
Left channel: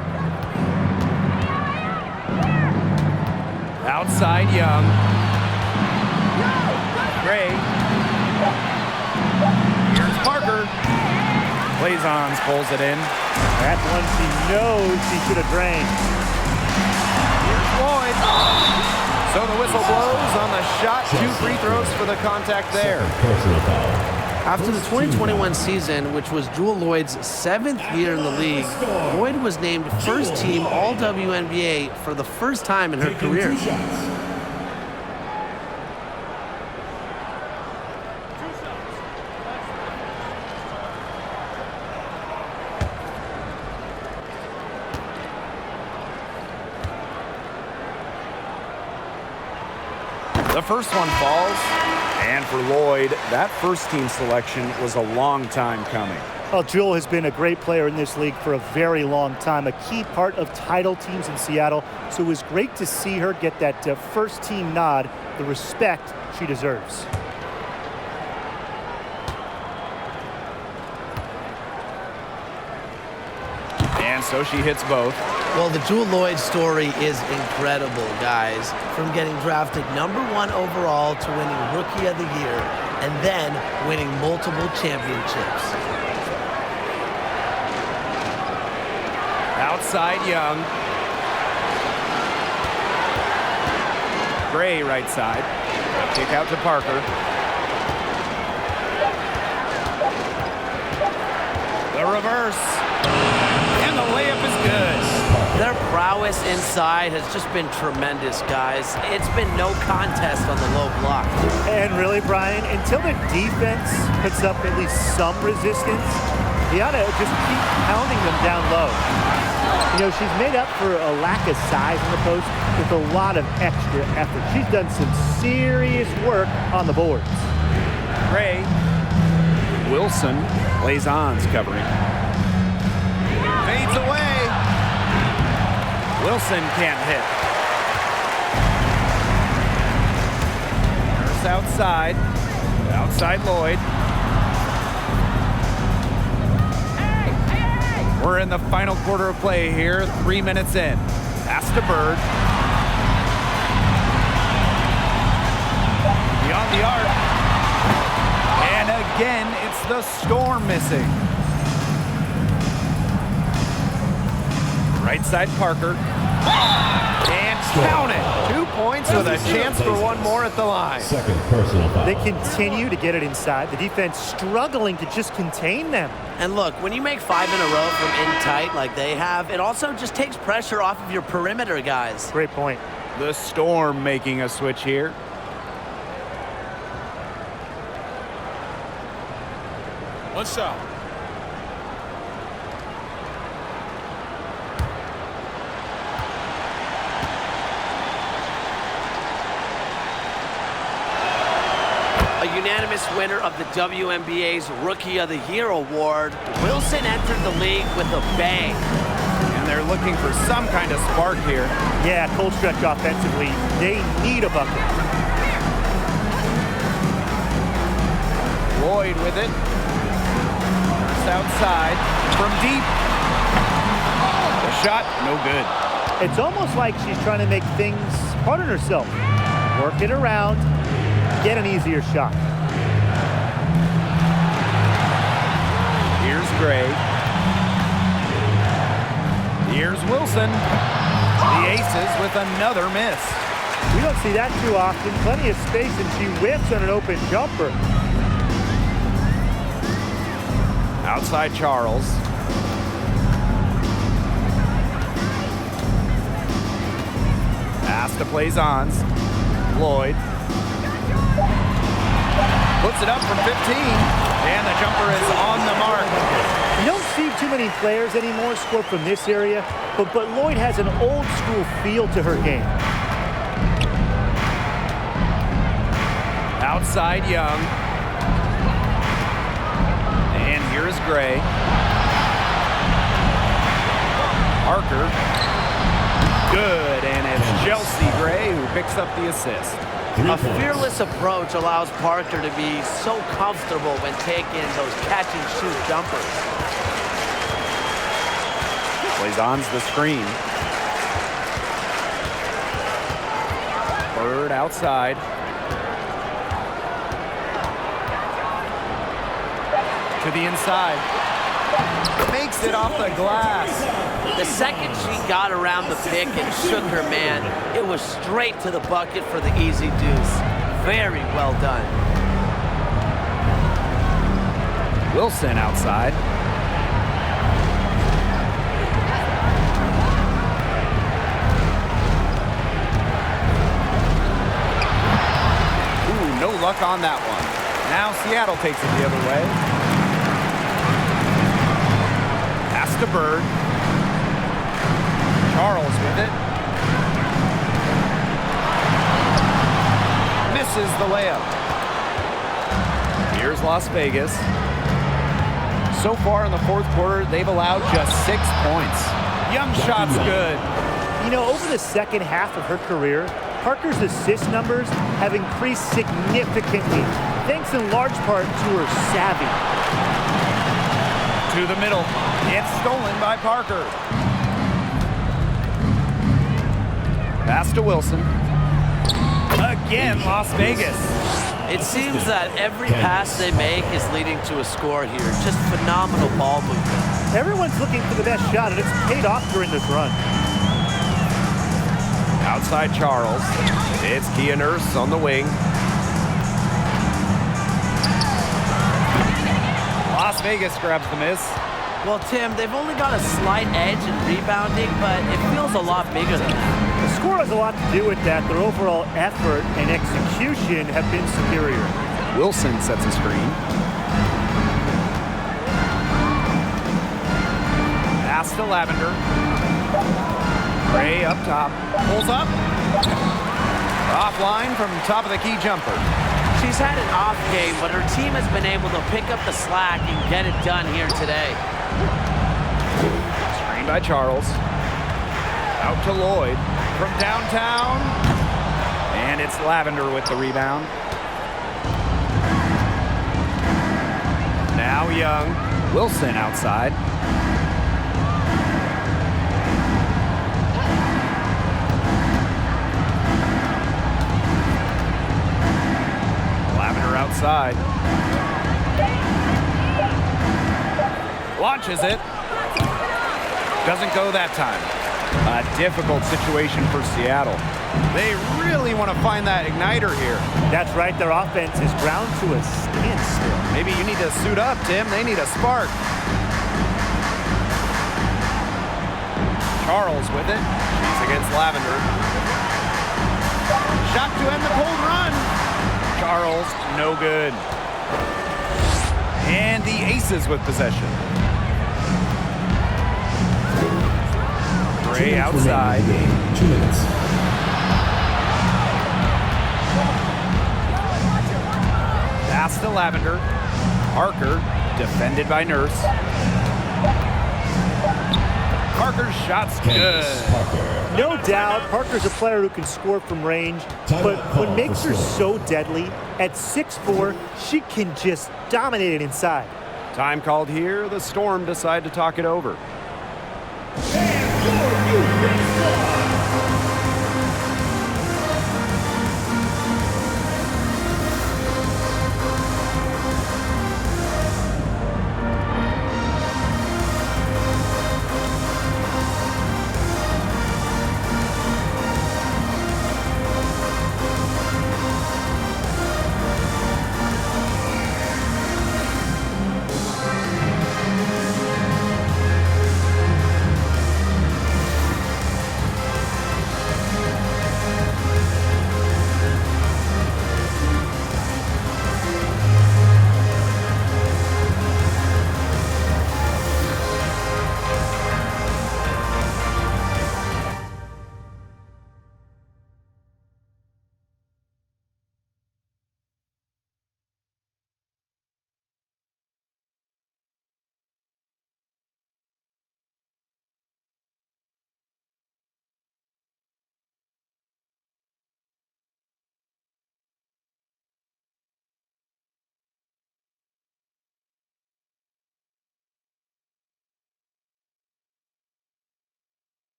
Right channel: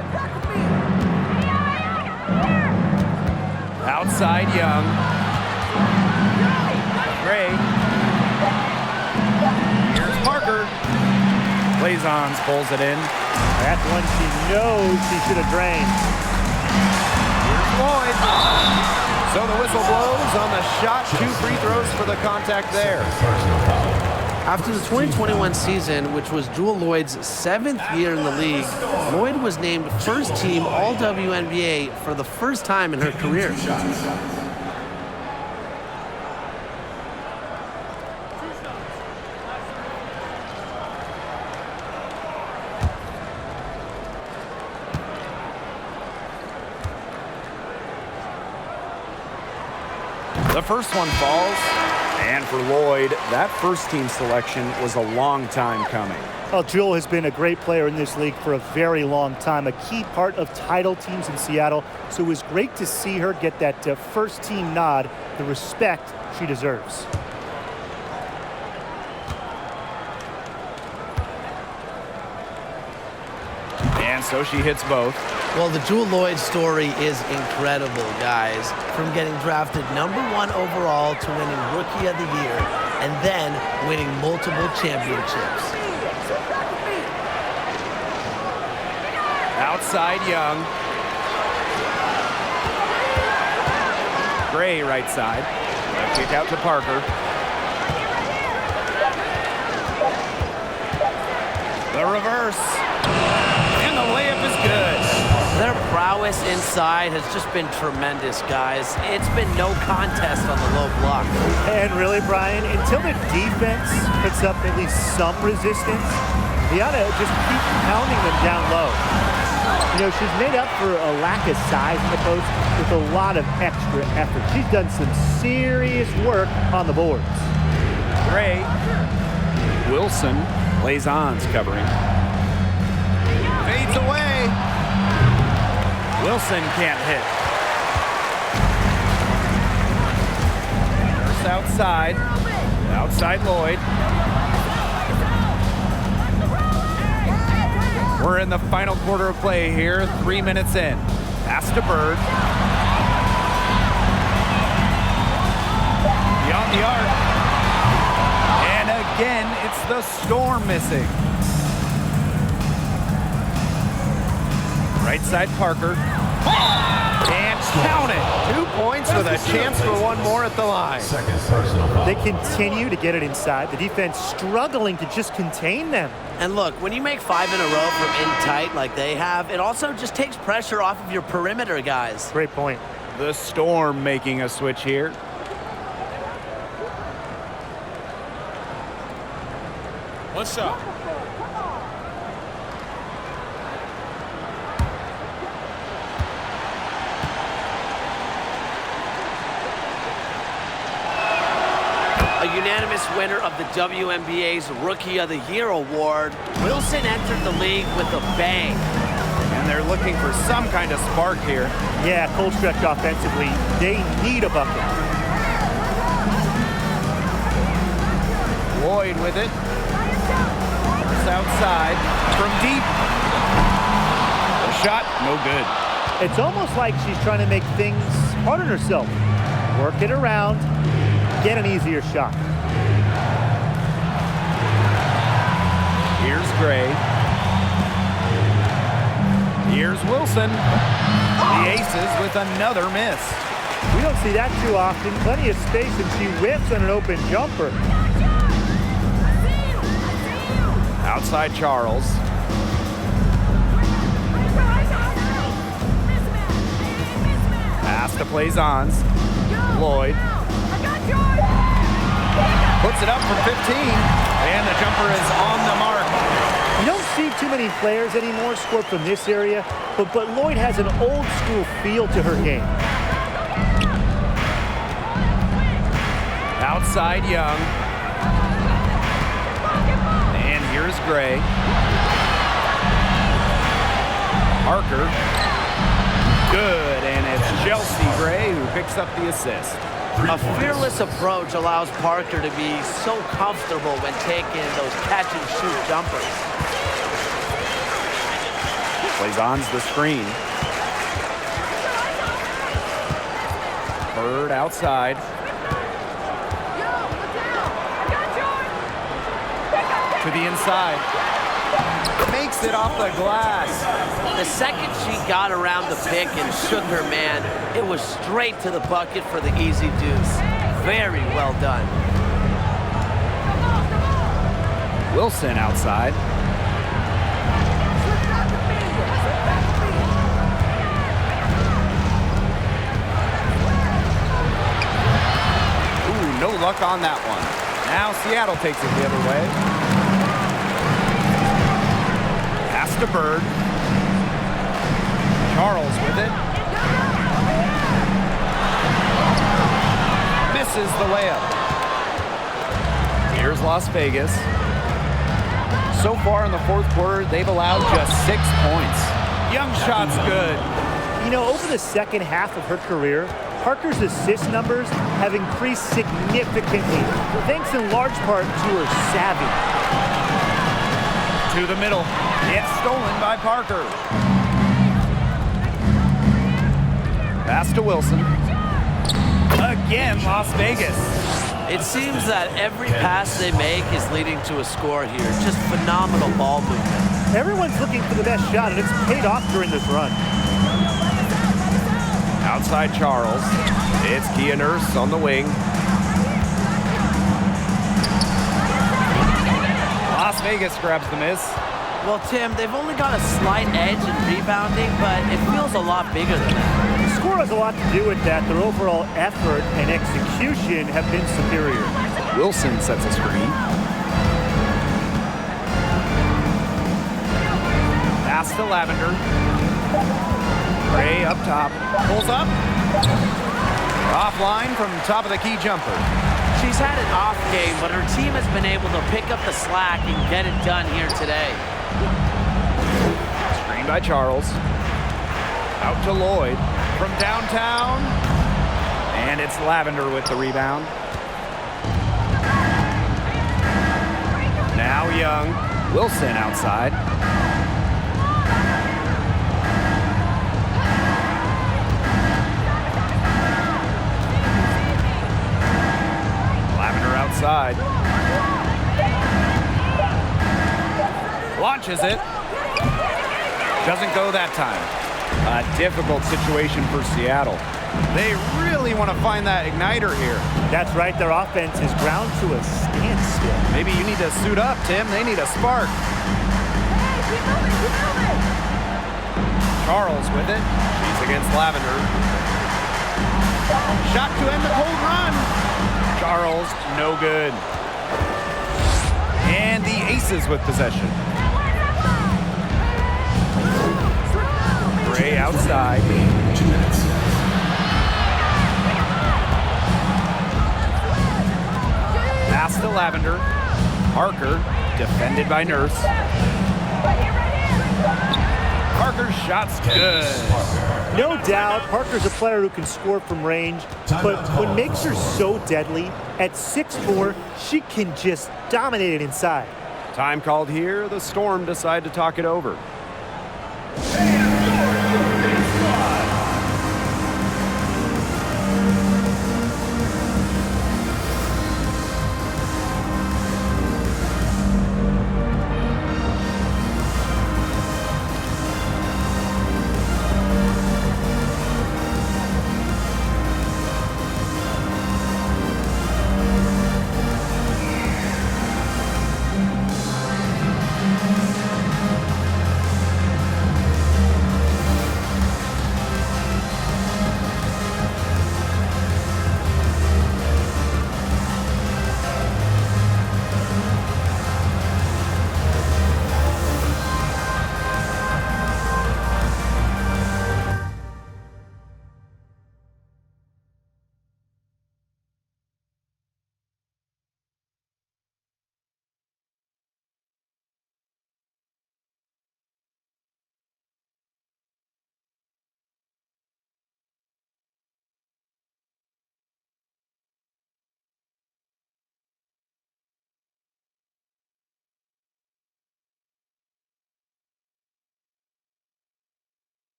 Outside, Young. Gray. Here's Parker. Lazons pulls it in. That's one she knows she should have drained. Here's Lloyd. So the whistle blows on the shot. 2 free throws for the contact there. Personal foul. After the 2021 season, which was Jewell Lloyd's 7th year in the league, Lloyd was named first team All WNBA for the first time in her career. 2 shots. The first one falls. And for Lloyd, that first team selection was a long time coming. Well, Jewell has been a great player in this league for a very long time, a key part of title teams in Seattle. So it was great to see her get that first team nod, the respect she deserves. And so she hits both. Well, the Jewell Lloyd story is incredible, guys. From getting drafted #1 overall to winning Rookie of the Year and then winning multiple championships. Outside Young. Gray right side. A kick out to Parker. The reverse. And the layup is good. Their prowess inside has just been tremendous, guys. It's been no contest on the low block. And really, Brian, until the defense puts up at least some resistance, they ought to just keep pounding them down low. You know, she's made up for a lack of size in the post with a lot of extra effort. She's done some serious work on the boards. Gray. Wilson. Plays on's covering. Fades away. Wilson can't hit. Nurse outside. Outside Lloyd. We're in the final quarter of play here. 3 minutes in. Pass to Bird. Beyond the arc. And again, it's the Storm missing. Right side Parker. And count it. 2 points with a chance for one more at the line. Second personal foul. They continue to get it inside. The defense struggling to just contain them. And look, when you make 5 in a row from in tight like they have, it also just takes pressure off of your perimeter guys. Great point. The Storm making a switch here. One shot. A unanimous winner of the WNBA's Rookie of the Year award, Wilson entered the league with a bang. And they're looking for some kind of spark here. Yeah, cold stretch offensively. They need a bucket. Lloyd with it. Nurse outside. From deep. The shot, no good. It's almost like she's trying to make things hard on herself. Work it around, get an easier shot. Here's Gray. Here's Wilson. The Aces with another miss. We don't see that too often. Plenty of space, and she whiffs on an open jumper. Outside Charles. Pass to Plaisance. Lloyd. Puts it up from 15. And the jumper is on the mark. You don't see too many players anymore score from this area, but Lloyd has an old school feel to her game. Outside Young. And here's Gray. Parker. Good, and it's Chelsea Gray who picks up the assist. A fearless approach allows Parker to be so comfortable when taking those catch-and-shoot jumpers. Plaisance the screen. Bird outside. To the inside. Makes it off the glass. The second she got around the pick and shook her man, it was straight to the bucket for the easy deuce. Very well done. Wilson outside. Ooh, no luck on that one. Now Seattle takes it the other way. Pass to Bird. Charles with it. Misses the layup. Here's Las Vegas. So far in the fourth quarter, they've allowed just 6 points. Young shot's good. You know, over the second half of her career, Parker's assist numbers have increased significantly, thanks in large part to her savvy. To the middle. It's stolen by Parker. Pass to Wilson. Again, Las Vegas. It seems that every pass they make is leading to a score here. Just phenomenal ball movement. Everyone's looking for the best shot, and it's paid off during this run. Outside Charles. It's Kia Nurse on the wing. Las Vegas grabs the miss. Well, Tim, they've only got a slight edge in rebounding, but it feels a lot bigger than that. The score has a lot to do with that. Their overall effort and execution have been superior. Wilson sets a screen. Pass to Lavender. Gray up top. Pulls up. Offline from top of the key jumper. She's had an off game, but her team has been able to pick up the slack and get it done here today. Screen by Charles. Out to Lloyd from downtown. And it's Lavender with the rebound. Now Young. Wilson outside. Lavender outside. Launches it. Doesn't go that time. A difficult situation for Seattle. They really want to find that igniter here. That's right. Their offense is ground to a standstill. Maybe you need to suit up, Tim. They need a spark. Charles with it. She's against Lavender. Shot to end the cold run. Charles, no good. And the Aces with possession. Gray outside. 2 minutes. Pass to Lavender. Parker, defended by Nurse. Parker's shot's good. No doubt, Parker's a player who can score from range, but what makes her so deadly, at 6'4", she can just dominate it inside. Time called here. The Storm decide to talk it over.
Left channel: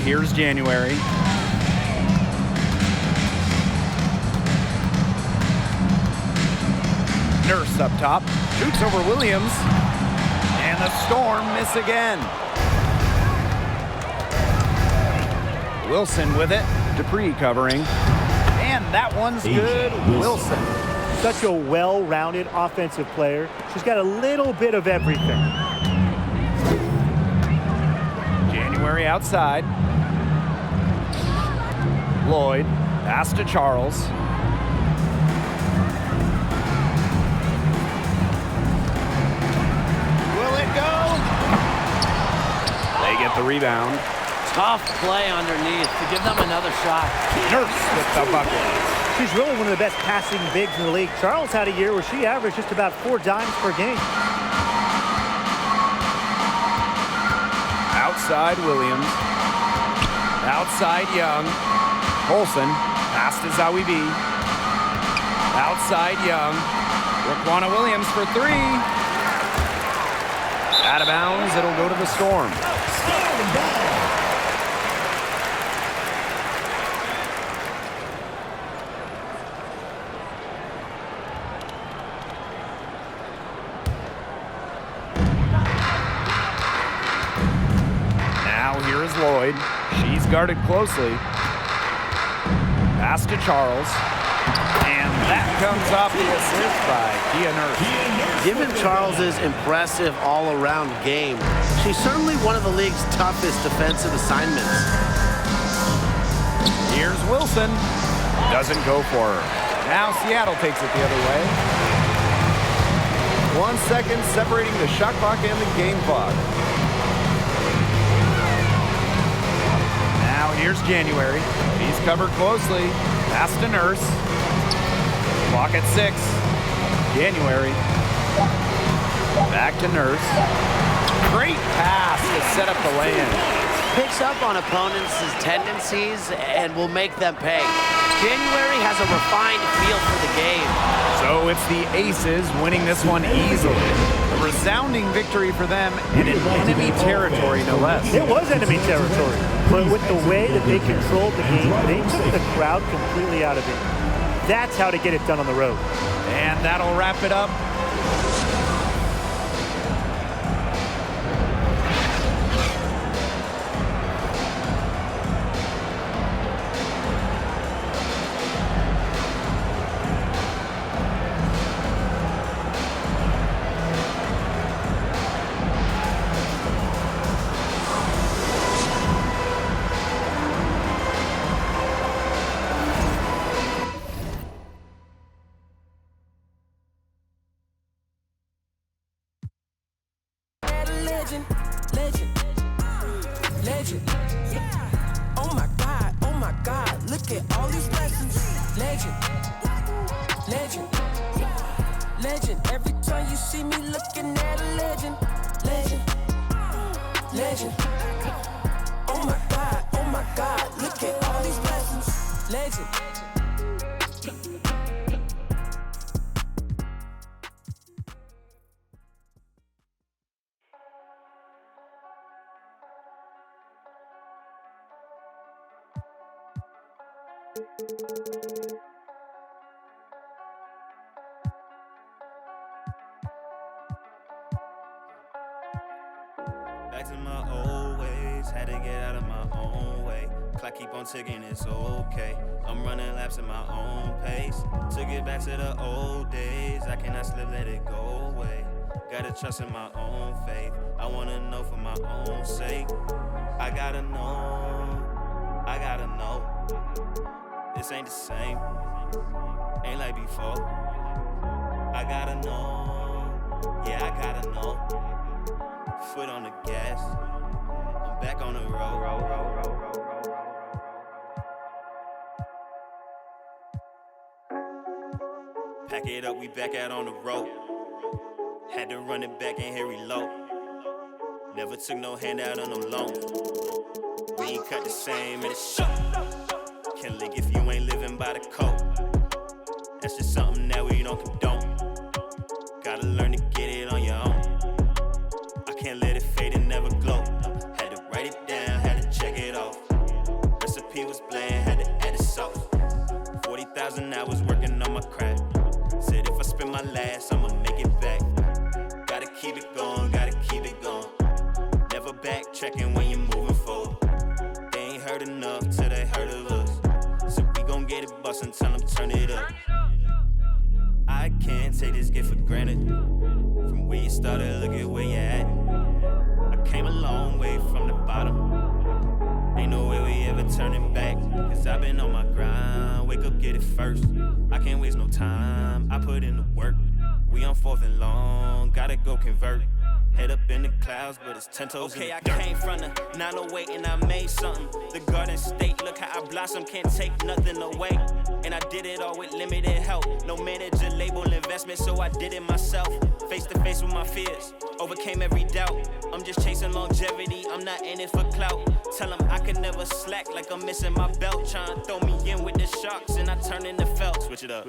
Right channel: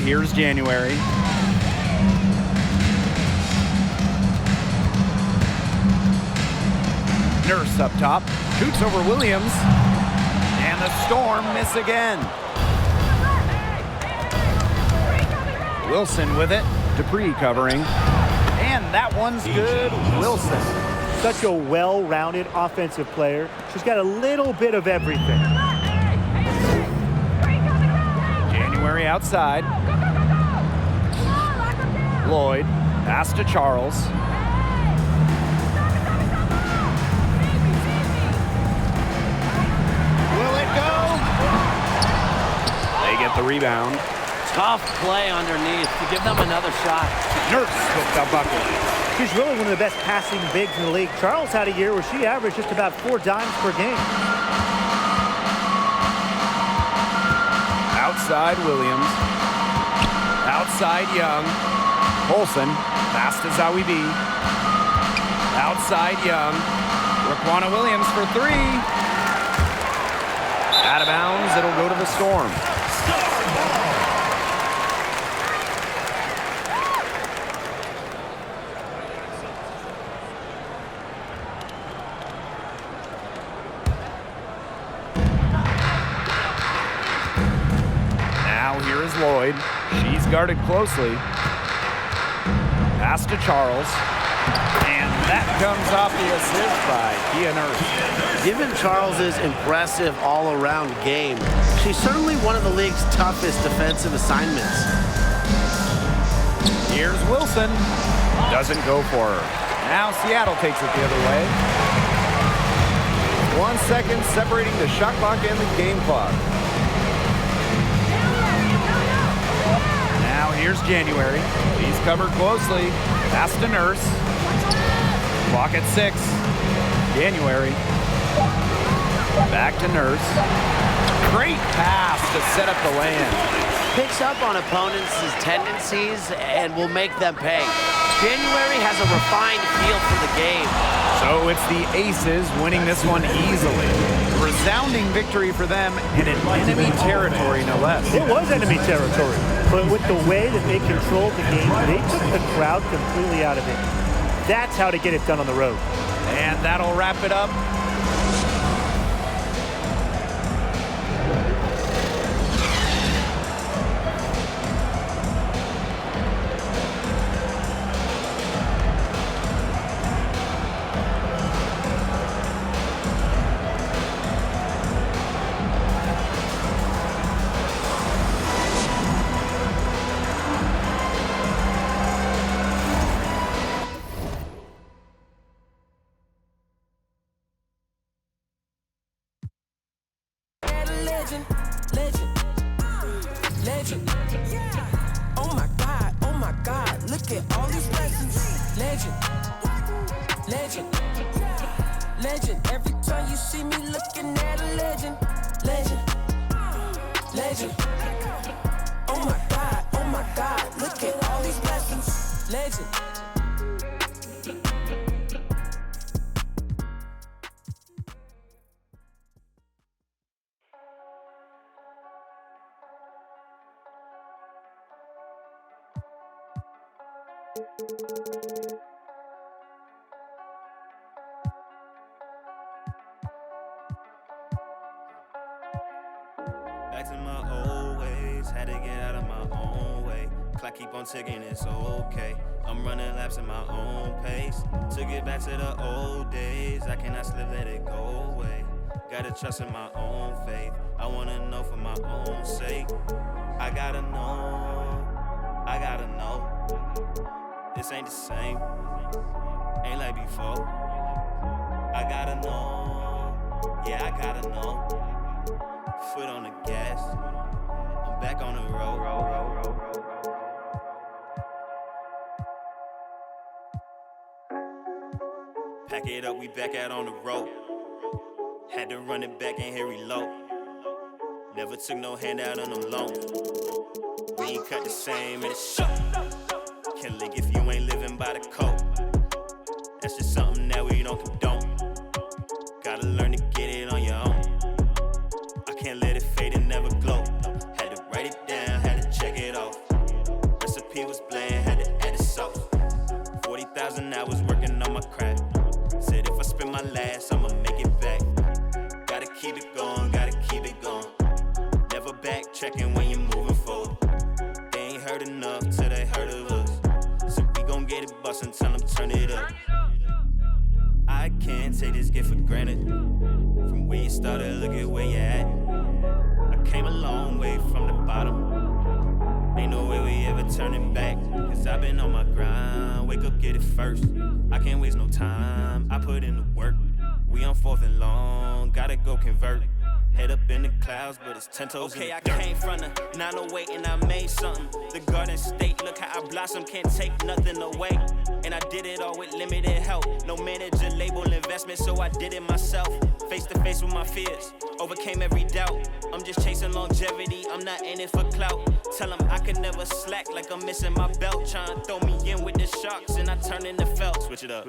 And here's January. Nurse up top, shoots over Williams, and the Storm miss again. Wilson with it, Dupree covering, and that one's good, Wilson. Such a well-rounded offensive player. She's got a little bit of everything. January outside. Lloyd, pass to Charles. Will it go? They get the rebound. Tough play underneath to give them another shot. Nurse with the bucket. She's really one of the best passing bigs in the league. Charles had a year where she averaged just about 4 dimes per game. Outside Williams. Outside Young. Olsen, pass to Zawi B. Outside Young. Raquana Williams for 3. Out of bounds, it'll go to the Storm. Now here is Lloyd. She's guarded closely. Pass to Charles. And that comes off the assist by Kia Nurse. Given Charles's impressive all-around game, she's certainly one of the league's toughest defensive assignments. Here's Wilson. Doesn't go for her. Now Seattle takes it the other way. 1 second separating the shot clock and the game clock. Now here's January. She's covered closely. Pass to Nurse. Clock at 6. January. Back to Nurse. Great pass to set up the lay-in. Picks up on opponents' tendencies and will make them pay. January has a refined feel for the game. So it's the Aces winning this one easily. A resounding victory for them and in enemy territory, no less. It was enemy territory, but with the way that they controlled the game, they took the crowd completely out of it. That's how to get it done on the road. And that'll wrap it up. Legend. Oh my God, look at all these blessings. Legend. Legend. Every time you see me looking at a legend. Legend. Oh my God, look at all these blessings. Legend. Back to my old ways, had to get out of my own way. Clock keep on ticking, it's okay. I'm running laps at my own pace. Took it back to the old days, I cannot slip, let it go away. Gotta trust in my own faith, I wanna know for my own sake. I gotta know. This ain't the same, ain't like before. I gotta know, yeah, I gotta know. Foot on the gas, I'm back on the road. Pack it up, we back out on the road. Had to run it back and hit reload. Never took no handout on no loan. We ain't cut the same in the show. Can't lick if you ain't living by the code. That's just something that we don't condone. Gotta learn to get it on your own. I can't let it fade and never glow. No, had to write it down, had to check it off. I can't take this gift for granted. From where you started, look at where you at. I came a long way from the bottom. Ain't no way we ever turning back. Cause I've been on my grind. Wake up, get it first. I can't waste no time. I put in the work. We on 4th and long. Gotta go convert. Head up in the clouds, but it's 10 toes in the dirt. I came from the 908 and I made something. The Garden State, look how I blossom, can't take nothing away. And I did it all with limited help. No manager, label, investment, so I did it myself. Face to face with my fears, overcame every doubt. I'm just chasing longevity, I'm not in it for clout. Tell them I could never slack like I'm missing my belt. Trying to throw me in with the sharks and I turn into felt. Switch it up.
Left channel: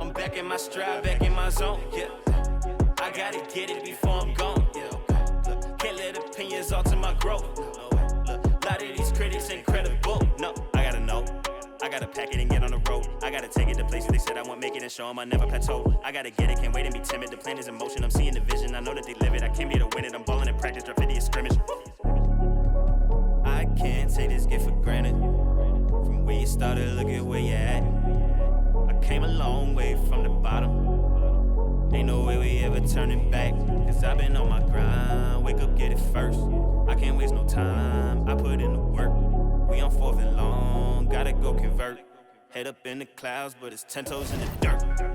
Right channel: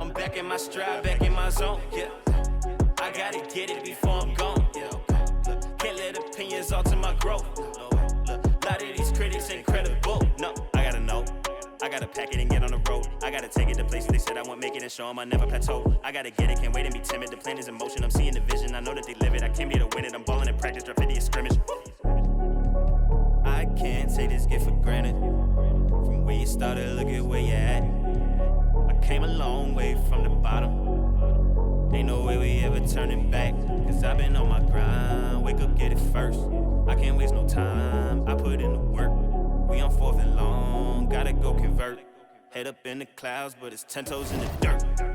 I'm back in my stride, back in my zone, yeah. I gotta get it before I'm gone. Yeah, okay. Look, can't let opinions alter my growth. No way. Look, a lot of these critics incredible. No, I gotta know. I gotta pack it and get on the road. I gotta take it to places they said I won't make it and show them I never plateau. I gotta get it, can't wait and be timid. The plan is in motion, I'm seeing the vision. I know that they live it. I came here to win it. I'm balling in practice, drop 50 scrimmage. I can't take this gift for granted. From where you started, look at where you at. I came a long way from the bottom. Ain't no way we ever turning back. Cause I've been on my grind. Wake up, get it first. I can't waste no time. I put in the work. We on 4th and long. Gotta go convert. Head up in the clouds, but it's 10 toes in the dirt.